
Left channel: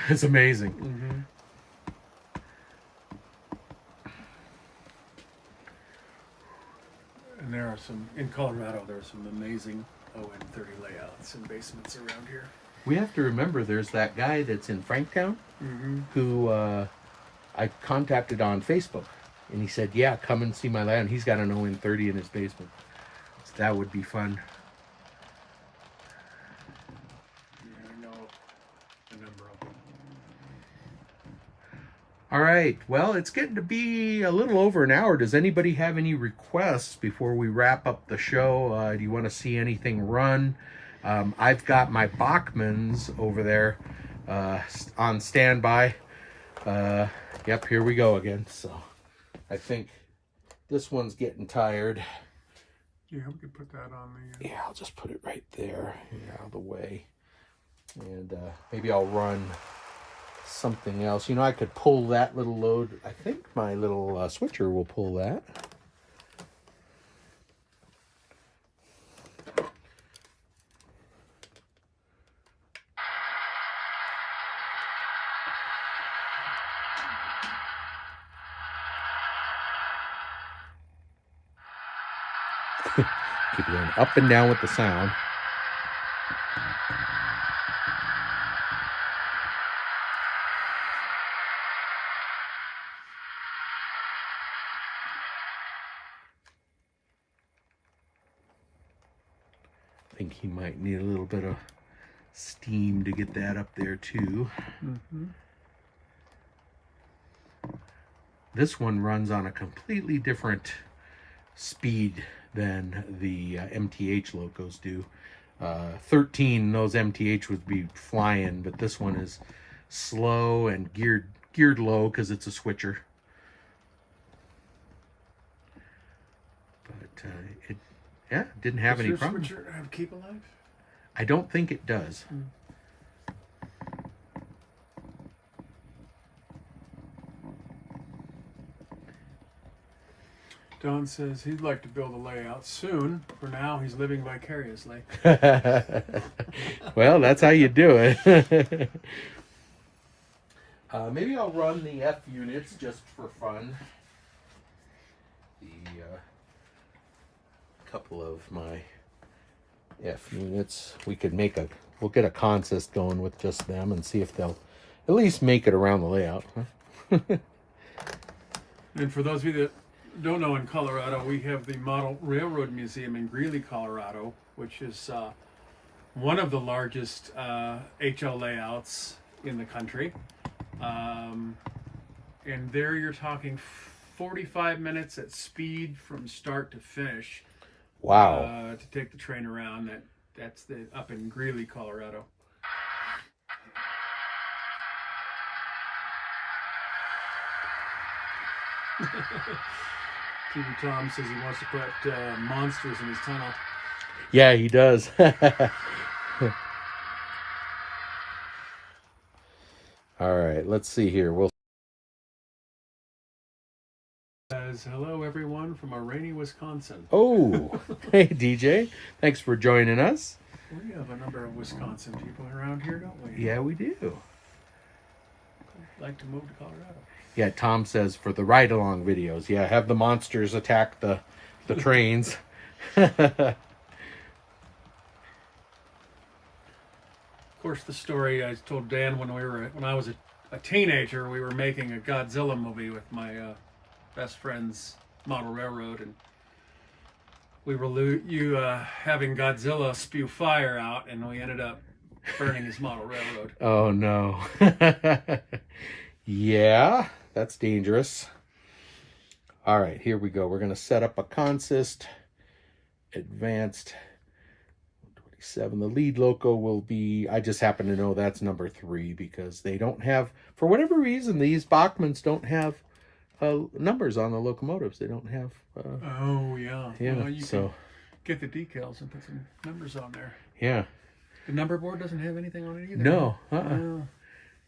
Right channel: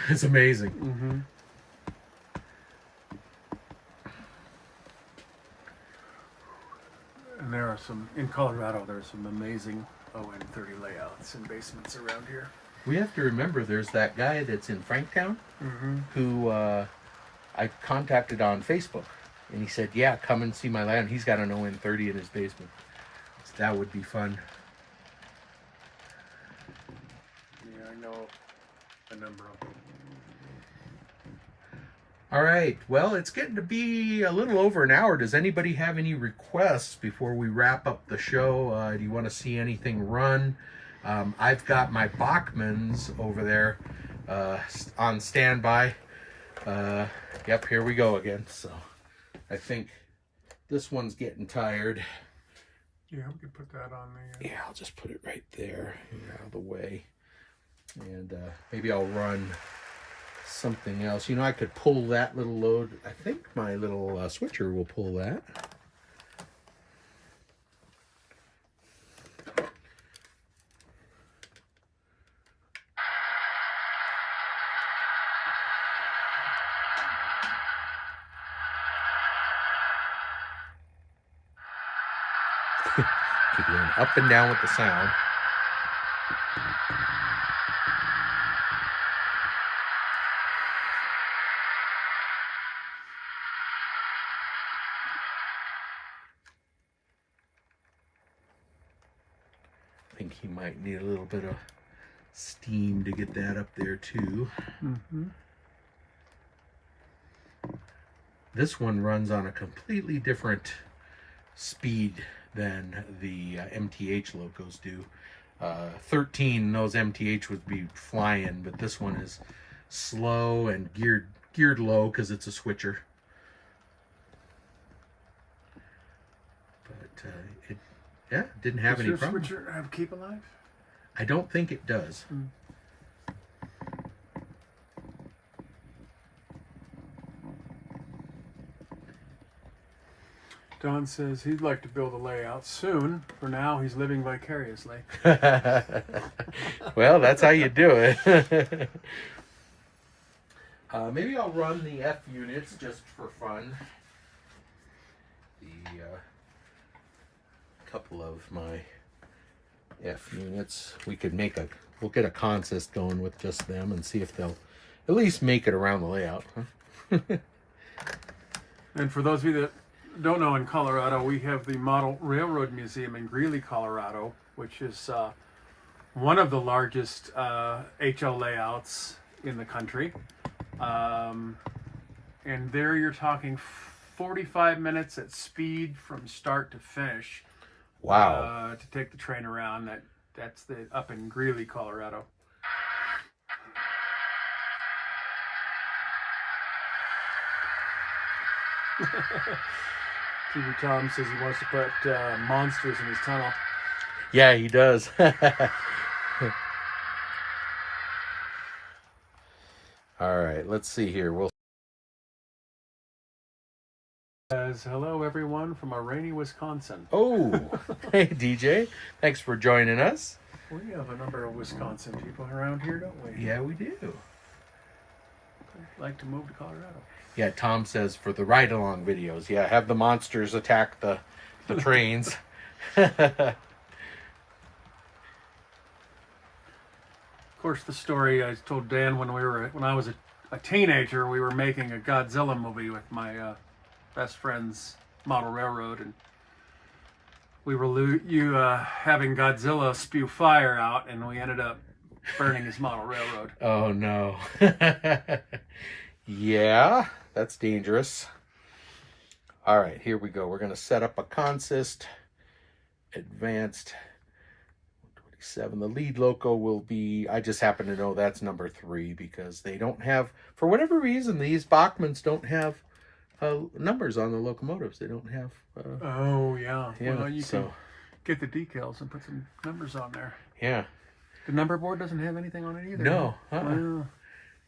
It's amazing. Mm-hmm. And there are in Colorado, there's some amazing ON30 layouts and basements around here. We have to remember there's that guy that's in Franktown who I contacted on Facebook. And he said, yeah, come and see my land. He's got an ON30 in his basement. So that would be fun. Yeah, I know a number of them. All right. Well, it's getting to be a little over an hour. Does anybody have any requests before we wrap up the show? Do you want to see anything run? I've got my Bachmans over there on standby. Yep, here we go again. So I think this one's getting tired. Yeah, we could put that on the... Yeah, I'll just put it right there out of the way. And maybe I'll run something else. You know, I could pull that little load. I think my little switcher will pull that. Keep going up and down with the sound. I think he might need a little bit of steam to get that up there too. Mm-hmm. This one runs on a completely different speed than the MTH Locos do. 13, those MTH would be flying, but this one is slow and geared low because it's a switcher. But it didn't have any problem. Does your switcher have keep alive? I don't think it does. Don says he'd like to build a layout soon. For now, he's living vicariously. Well, that's how you do it. Maybe I'll run the F units just for fun. The couple of my F units. We'll get a contest going with just them and see if they'll at least make it around the layout. And for those of you that don't know, in Colorado, we have the Model Railroad Museum in Greeley, Colorado, which is one of the largest HL layouts in the country. And there you're talking 45 minutes at speed from start to finish. Wow. To take the train around. That's up in Greeley, Colorado. TV Tom says he wants to put monsters in his tunnel. Yeah, he does. All right, let's see here. We'll Says hello everyone from a rainy Wisconsin. Oh, hey DJ, thanks for joining us. We have a number of Wisconsin people around here, don't we? Yeah, we do. Like to move to Colorado. Yeah, Tom says for the ride-along videos. Yeah, have the monsters attack the trains. Of course, the story I told Dan when I was a teenager, we were making a Godzilla movie with my best friend's model railroad, and we were having Godzilla spew fire out, and we ended up burning his model railroad. Oh no. Yeah, that's dangerous. All right, here we go. We're going to set up a consist. Advanced 27. The lead loco will be, I just happen to know that's number 3 because they don't have, for whatever reason, these Bachmans don't have numbers on the locomotives. They don't have. Oh, yeah. Yeah, well, you can get the decals and put some numbers on there. Yeah. The number board doesn't have anything on it either. No.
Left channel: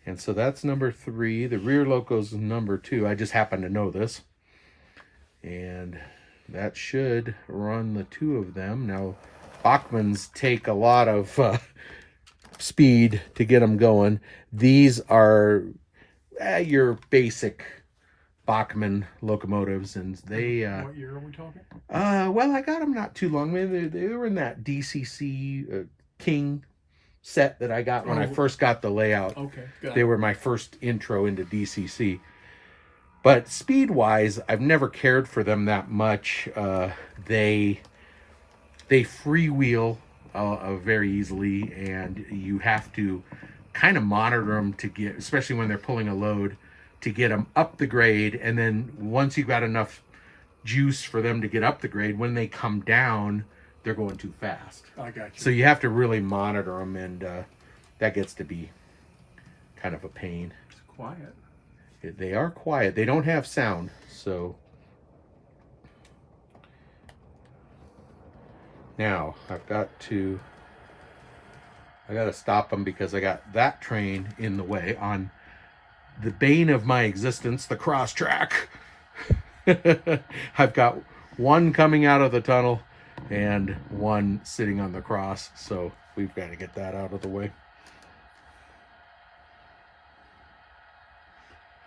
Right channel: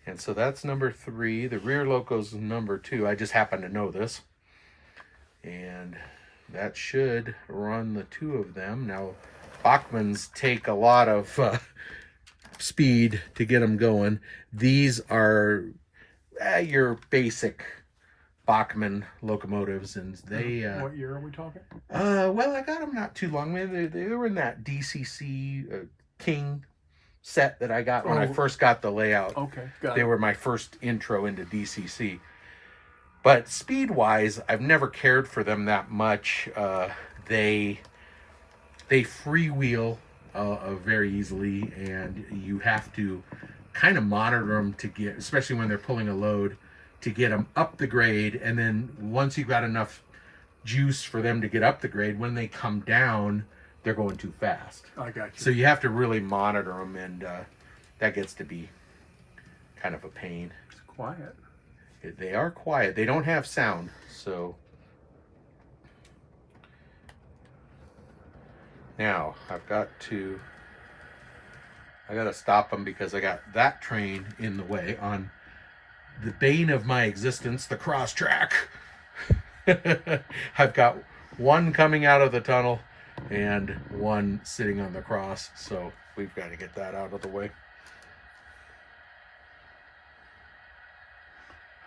And so that's number 3. The rear loco's is number 2. I just happen to know this. And that should run the 2 of them. Now, Bachmans take a lot of speed to get them going. These are your basic Bachman locomotives, and they... what year are we talking? Well, I got them not too long. They were in that DCC King set that I got when I first got the layout. Okay, got They it. were my first intro into DCC. But speed-wise, I've never cared for them that much. They freewheel very easily, and you have to kind of monitor them to get, especially when they're pulling a load, to get them up the grade. And then once you've got enough juice for them to get up the grade, when they come down, they're going too fast. I got you. So you have to really monitor them, and that gets to be kind of a pain. It's quiet. They are quiet. They don't have sound, so. Now, I got to stop them because I got that train in the way on the bane of my existence, the cross track. I've got one coming out of the tunnel and one sitting on the cross, so we've got to get that out of the way.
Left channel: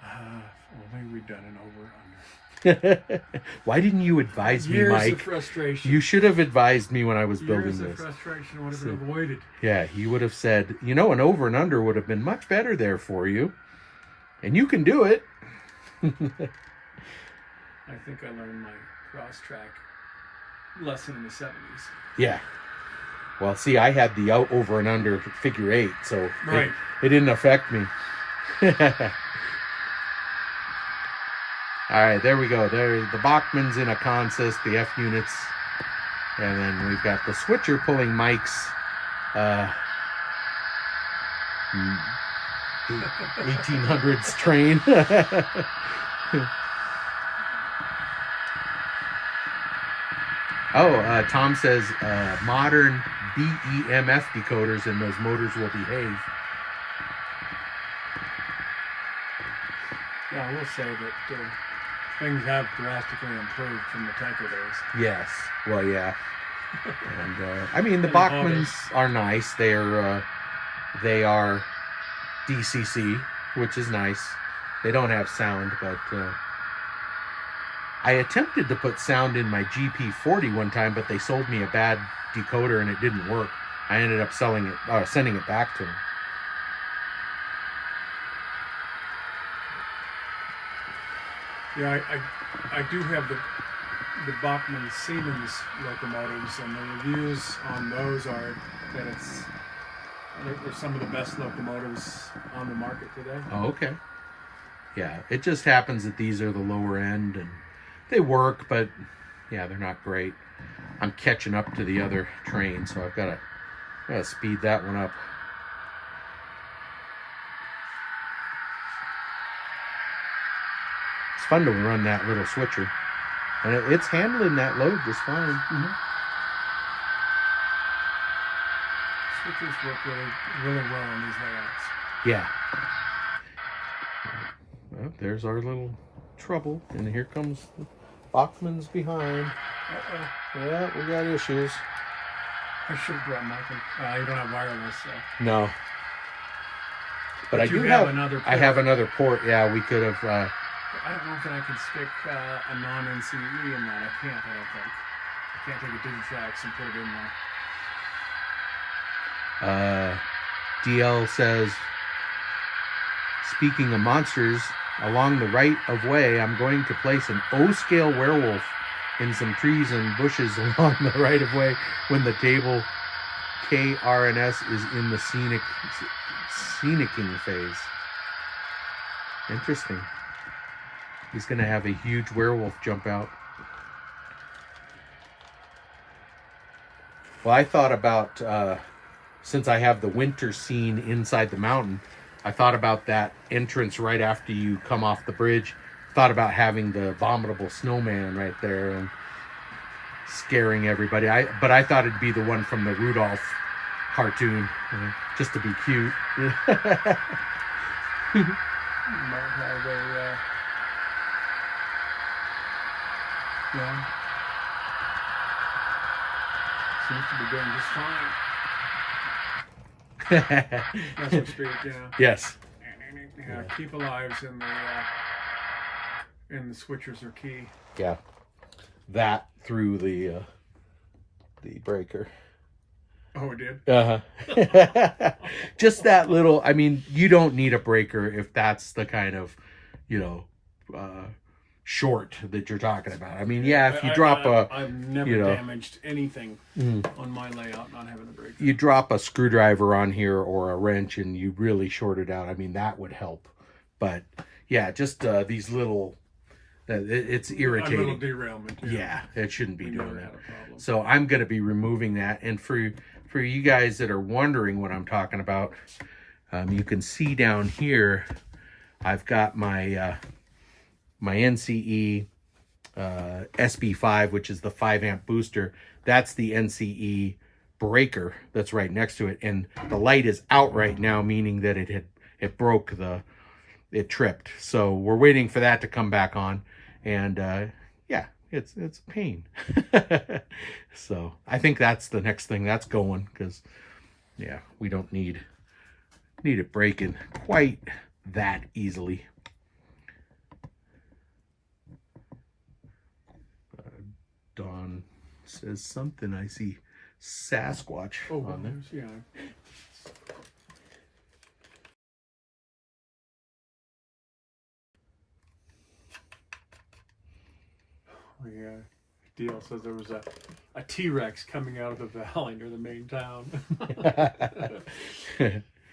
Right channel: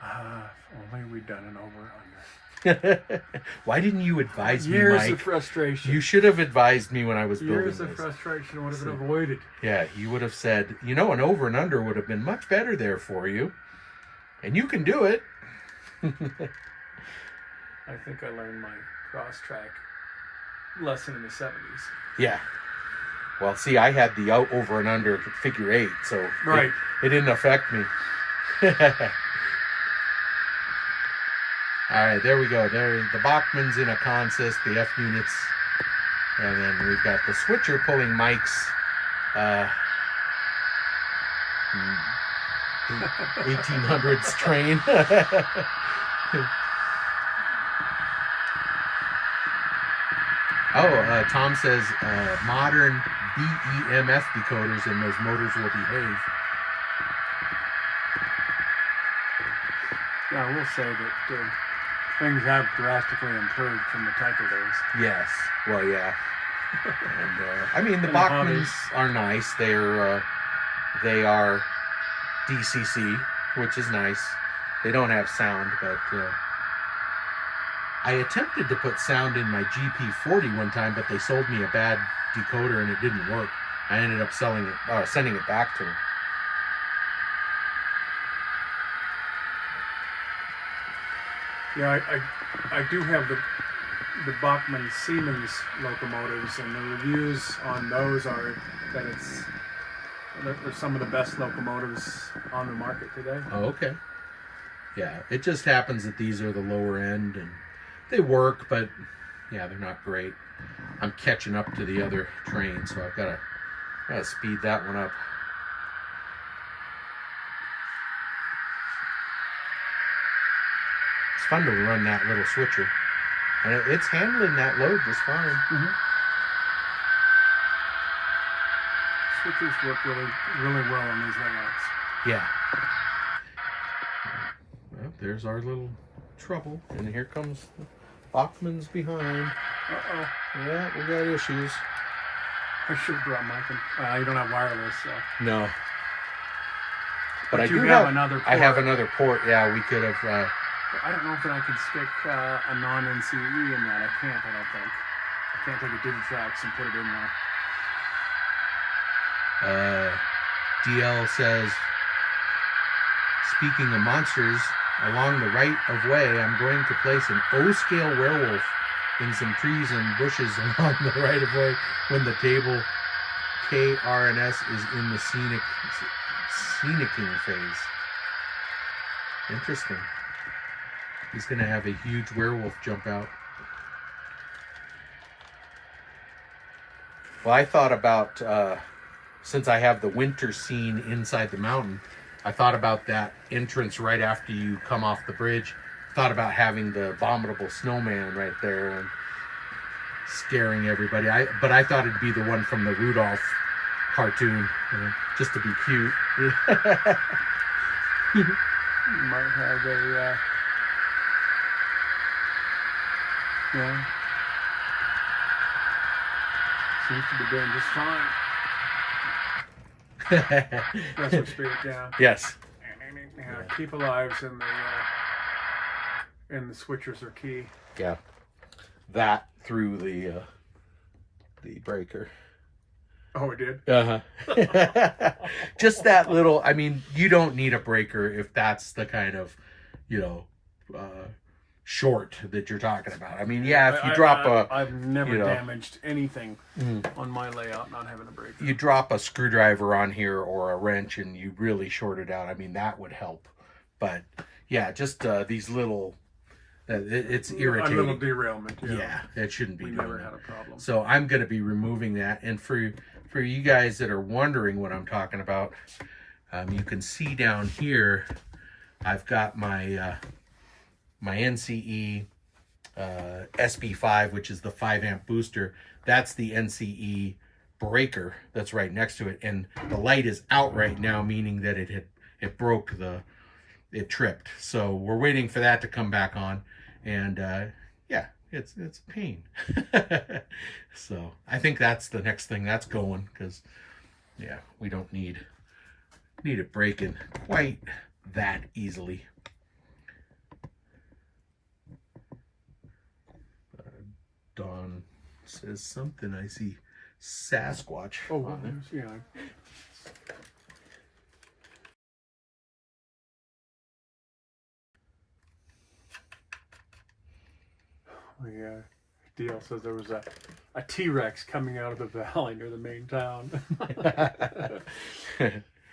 If only we'd done an over-under. Why didn't you advise me, Years Mike? of frustration. You should have advised me when I was building Years of this. frustration would have been avoided. Yeah, you would have said, an over and under would have been much better there for you. And you can do it. I think I learned my cross-track lesson in the 70s. Yeah. Well, see, I had the over and under figure 8, so Right. it didn't affect me. All right, there we go. There, the Bachman's in a consist, the F units And then we've got the switcher pulling Mike's 1800s train. Tom says modern BEMF decoders and those motors will behave. Yeah, I will say that things have drastically improved from the Tyco days. Yes. Well, yeah. And I mean, the Bachmans are nice. They are DCC, which is nice. They don't have sound, but I attempted to put sound in my GP40 one time, but they sold me a bad decoder and it didn't work. I ended up sending it back to them. Yeah, I do have the Bachmann Siemens locomotives, and the reviews on those are that they're some of the best locomotives on the market today. Oh, okay. Yeah, it just happens that these are the lower end, and they work, but yeah, they're not great. I'm catching up to the other train, so I've got to speed that one up. It's fun to run that little switcher, and it's handling that load just fine. Mm-hmm. Switchers work really well in these layouts. Yeah. Well, there's our little trouble, and here comes the Bachman's behind. Yeah, we got issues. I should have brought mine. You don't have wireless, so. No. But I you do have another port. I have another port. Yeah, we could have. I don't know if I can stick a non-NCE in that. I can't think. I can't take a Digitrax and put it in there. DL says, speaking of monsters, along the right of way, I'm going to place an O-scale werewolf in some trees and bushes along the right of way when the table KRNS is in the scenicking phase. Interesting. He's going to have a huge werewolf jump out. Well, I thought about, since I have the winter scene inside the mountain, I thought about that entrance right after you come off the bridge. Thought about having the vomitable snowman right there and scaring everybody. But I thought it'd be the one from the Rudolph cartoon, just to be cute. You might have a... seems to be doing just fine. That's what spirit, yeah. Yes. Yeah, keep alives and the switchers are key. Yeah. That through the breaker. Oh, it did? Uh-huh. Just that little, I mean, you don't need a breaker if that's the kind of, short that you're talking about. I mean, yeah, if you drop I've never damaged anything on my layout not having a breaker. You drop a screwdriver on here or a wrench and you really short it out. I mean, that would help. But yeah, just these little, it's irritating. A little derailment. Yeah, that shouldn't be doing that. Had a problem. So I'm going to be removing that. And for you guys that are wondering what I'm talking about, you can see down here, I've got my my NCE SB5, which is the 5 amp booster. That's the NCE breaker that's right next to it, and the light is out right now, meaning that it broke, it tripped. So we're waiting for that to come back on, and yeah, it's a pain. So I think that's the next thing that's going, because yeah, we don't need it breaking quite that easily. Dawn says something. I see Sasquatch on there. Yeah. Yeah. Deal says there was a T-Rex coming out of the valley near the main town.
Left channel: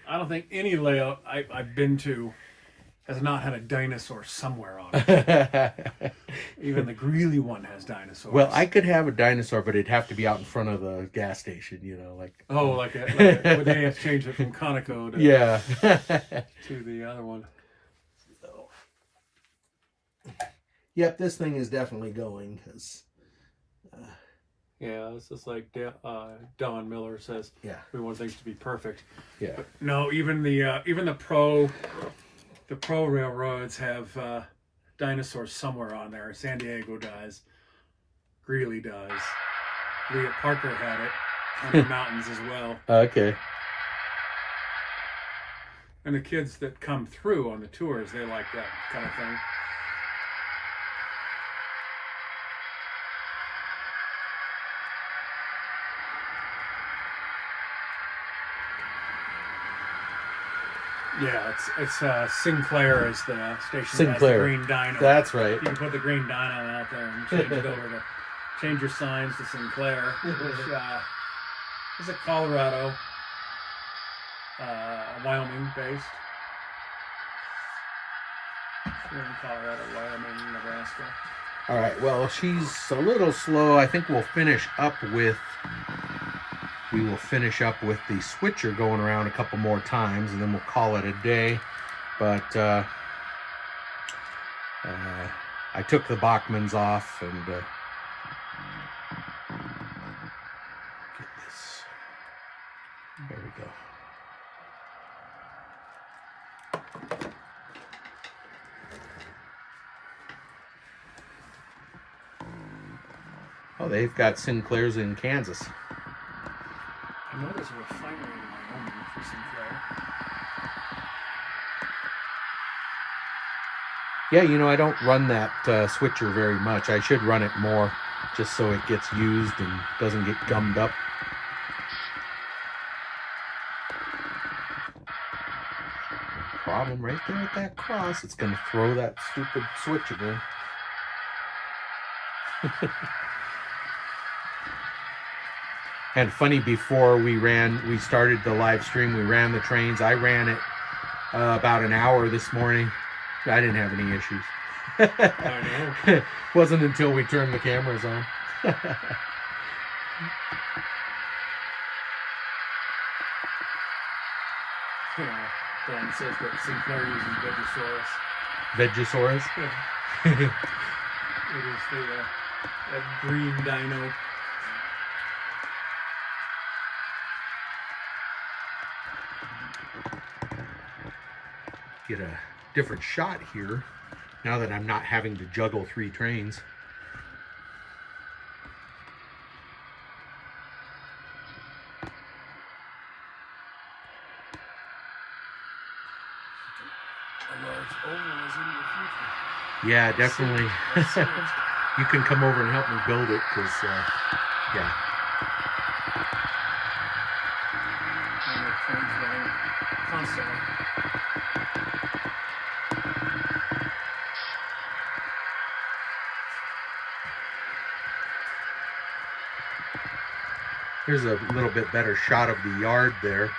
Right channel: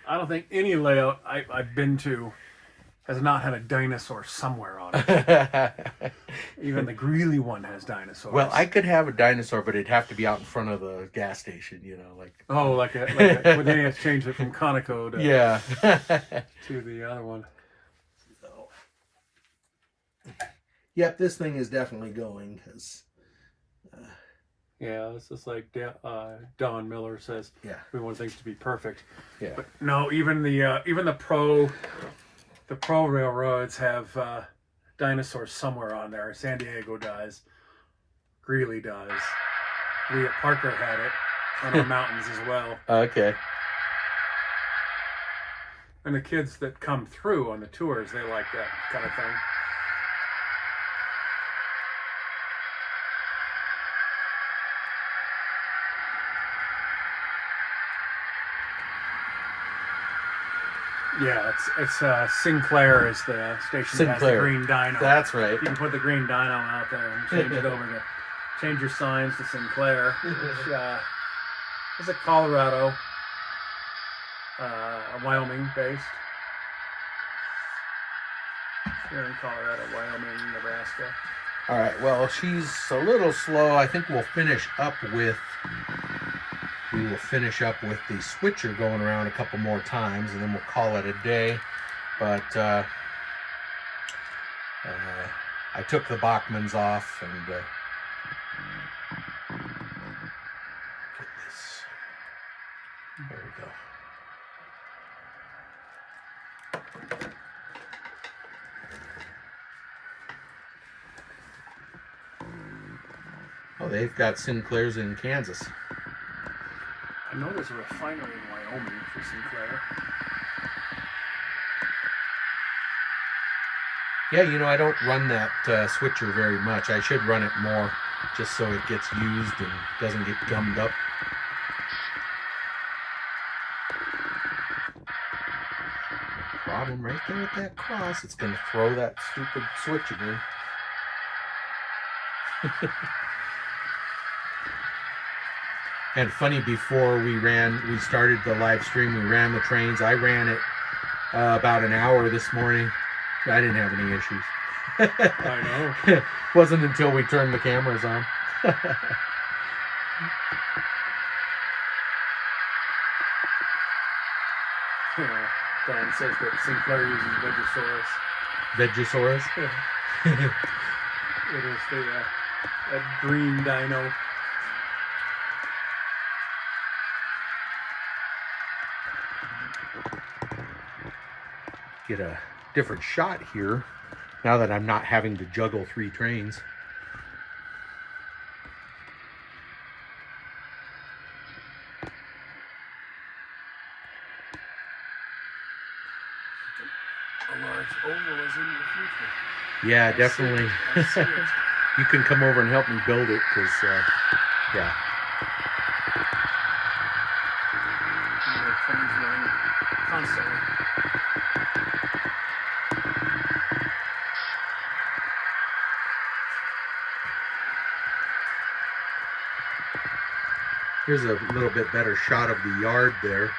I don't think any layout I've been to has not had a dinosaur somewhere on it. Even the Greeley one has dinosaurs. Well, I could have a dinosaur, but it'd have to be out in front of the gas station, you know, like. Oh, like a well, they have to change it from Conoco to, Yeah. to the other one. So. Yep, this thing is definitely going because. Yeah, it's just like Don Miller says. Yeah. Everyone thinks to be perfect. Yeah. But no, even the pro railroads have dinosaurs somewhere on there. San Diego does. Greeley does. We at Parker had it in the mountains as well. Okay. And the kids that come through on the tours, they like that kind of thing. Yeah, it's Sinclair is the station that has the green dino. That's right. You can put the green dino out there and change it over to change your signs to Sinclair, which is a Colorado, Wyoming based. Here in Colorado, Wyoming, Nebraska. All right. Well, she's a little slow. I think we will finish up with the switcher going around a couple more times, and then we'll call it a day. But I took the Bachmans off and get this. There we go. Oh, they've got Sinclairs in Kansas. I know there's a refinery in Wyoming for Sinclair. Yeah, you know, I don't run that switcher very much. I should run it more just so it gets used and doesn't get gummed up. Problem right there at that cross. It's going to throw that stupid switch again. And funny, before we started the live stream, we ran the trains. I ran it about an hour this morning. I didn't have any issues. I know. Wasn't until we turned the cameras on. Yeah, Don says that Sinclair uses Vegosaurus? Yeah. It is the green dino. Get a different shot here now that I'm not having to juggle 3 trains. Yeah, definitely. You can come over and help me build it because, yeah. Here's a little bit better shot of the yard there.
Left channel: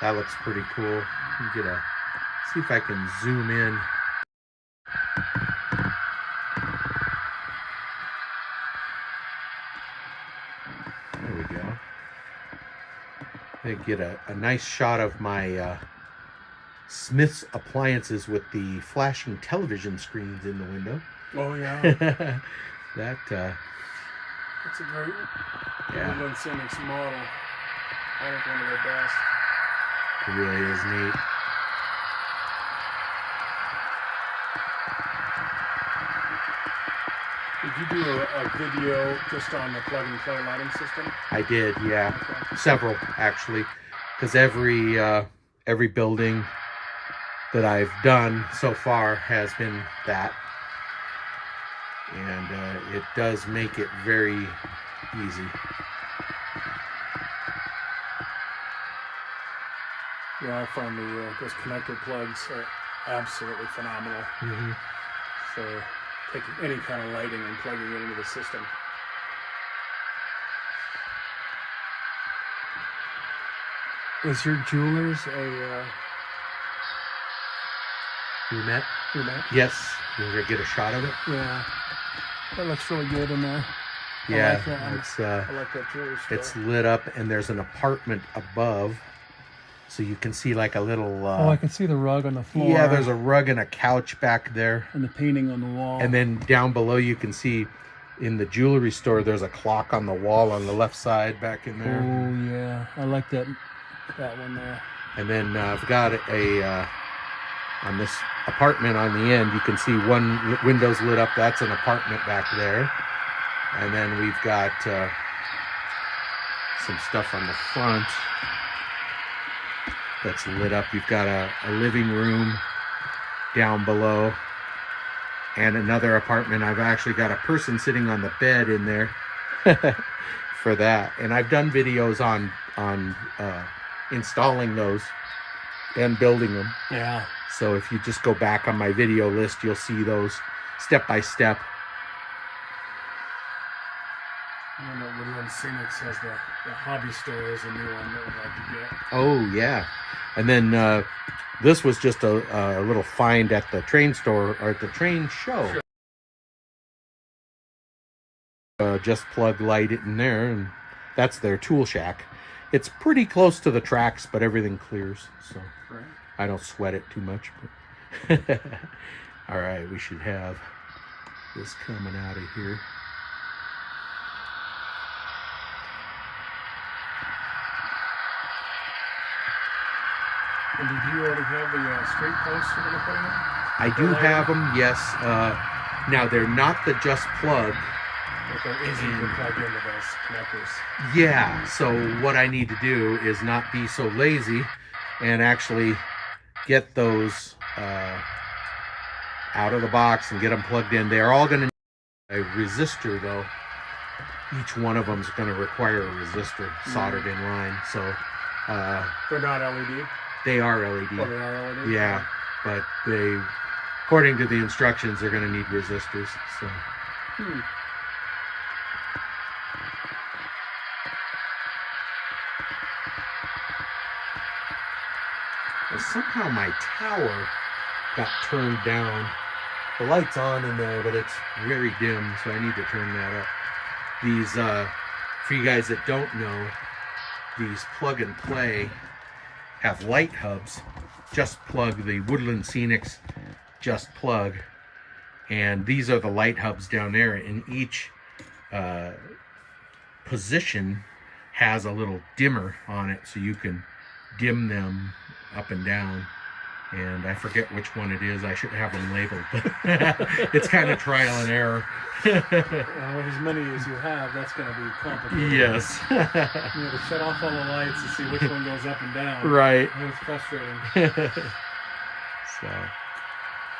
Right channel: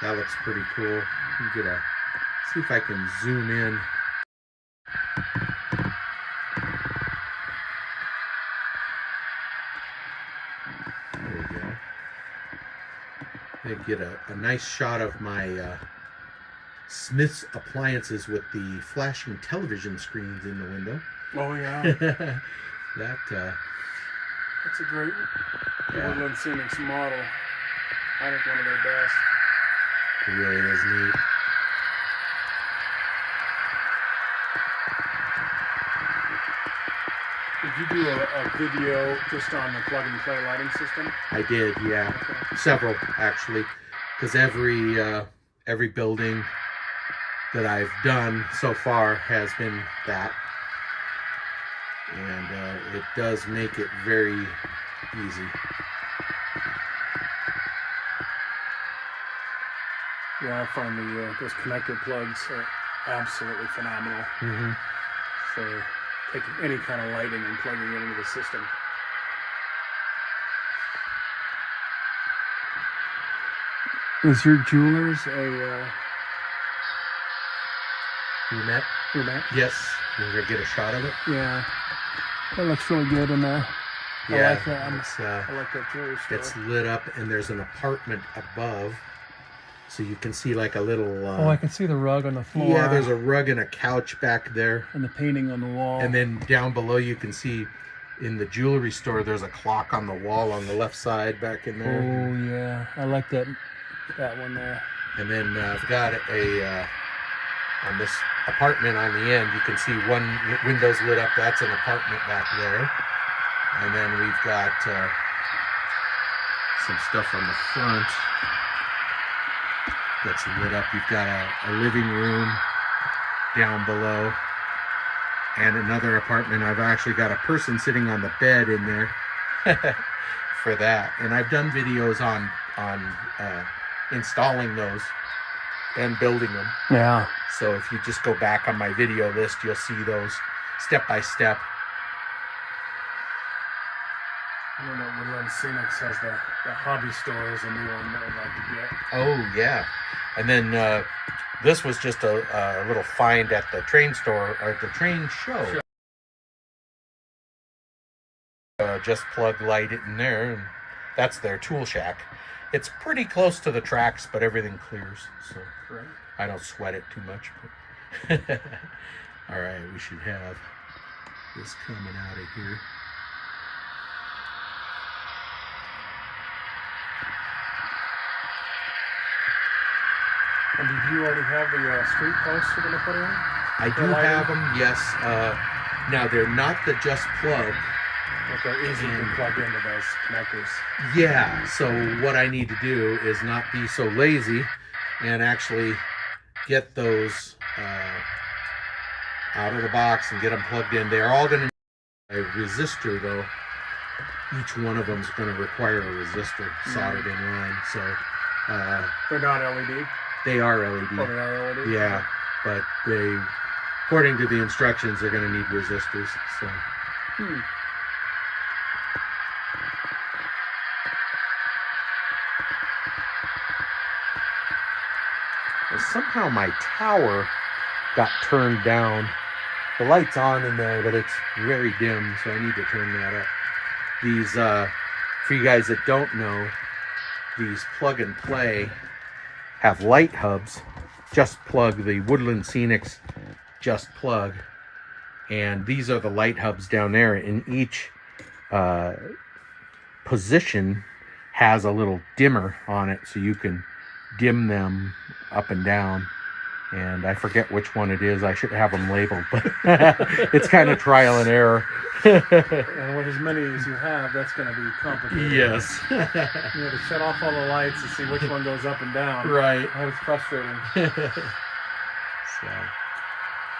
That looks pretty cool. See if I can zoom in. There we go. I get a nice shot of my Smith's appliances with the flashing television screens in the window. Oh yeah. That's a great Everyone Phoenix model. I think one of their best. It really is neat. Did you do a video just on the plug and play lighting system? I did, yeah. Okay. Several, actually. Because every building that I've done so far has been that. And it does make it very easy. Yeah, I found those connector plugs are absolutely phenomenal. Mm-hmm. So taking any kind of lighting and plugging it into the system. Is your jewelers a Brunette? brunette? Yes. You want to get a shot of it? Yeah. That looks really good in there. Yeah. I like that one. It's I like that jewelry store. it's lit up, and there's an apartment above, so you can see like a little. Oh, I can see the rug on the floor. Yeah, there's a rug and a couch back there, and the painting on the wall. and then down below you can see in the jewelry store there's a clock on the wall on the left side back in there. Oh yeah, I like that one there. And then I've got on this apartment on the end, you can see one window's lit up. That's an apartment back there. And then we've got some stuff on the front that's lit up. You've got a living room down below and another apartment. I've actually got a person sitting on the bed in there for that. And I've done videos on installing those and building them. Yeah. So if you just go back on my video list, you'll see those step by step. I don't know, Woodland Scenics has the hobby store is a new one that I'd like to get. Oh yeah, and then this was just a little find at the train store or at the train show. Just plug light it in there, and that's their tool shack. It's pretty close to the tracks, but everything clears, so Right. I don't sweat it too much. All right, we should have this coming out of here. And did you already have the street posts you're going to put in? I do have them, yes. Now they're not the just plug. They're easy to plug into those connectors. Yeah, so what I need to do is not be so lazy and actually get those out of the box and get them plugged in. They're all going to need a resistor though. Each one of them is going to require a resistor soldered in line. So They're not LED? they are LED. Oh, they are LED? Yeah, but they, according to the instructions, they're going to need resistors. So. Well, somehow my tower got turned down. The light's on in there, but it's very dim, so I need to turn that up. These, for you guys that don't know, these plug and play have light hubs. Just plug, the Woodland Scenics just plug. And these are the light hubs down there. And each position has a little dimmer on it, so you can dim them up and down. And I forget which one it is. I should have them labeled, but it's kind of trial and error. Well, with as many as you have, that's going to be complicated. Yes. You have to shut off all the lights and see which one goes up and down. Right. That was frustrating. So,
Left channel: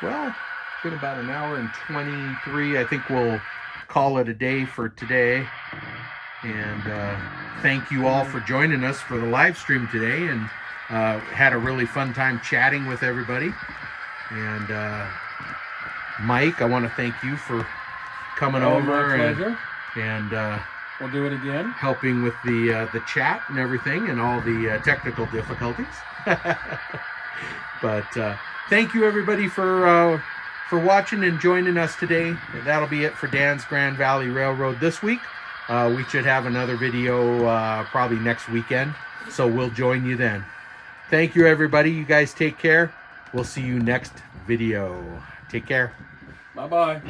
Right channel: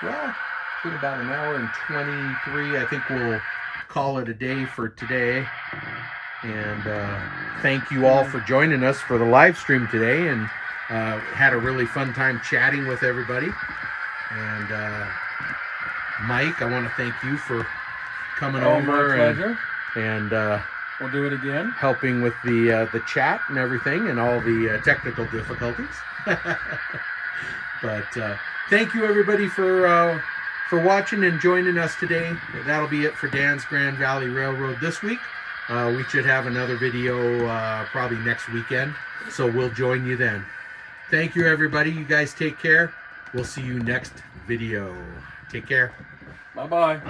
well, it's been about an hour and 23. I think we'll call it a day for today. And thank you all for joining us for the live stream today. And had a really fun time chatting with everybody. And Mike, I want to thank you for coming over my pleasure. and We'll do it again. helping with the chat and everything and all the technical difficulties. But thank you everybody for watching and joining us today. That'll be it for Dan's Grand Valley Railroad this week. We should have another video probably next weekend, so we'll join you then. Thank you everybody. You guys take care. We'll see you next video. Take care. Bye-bye.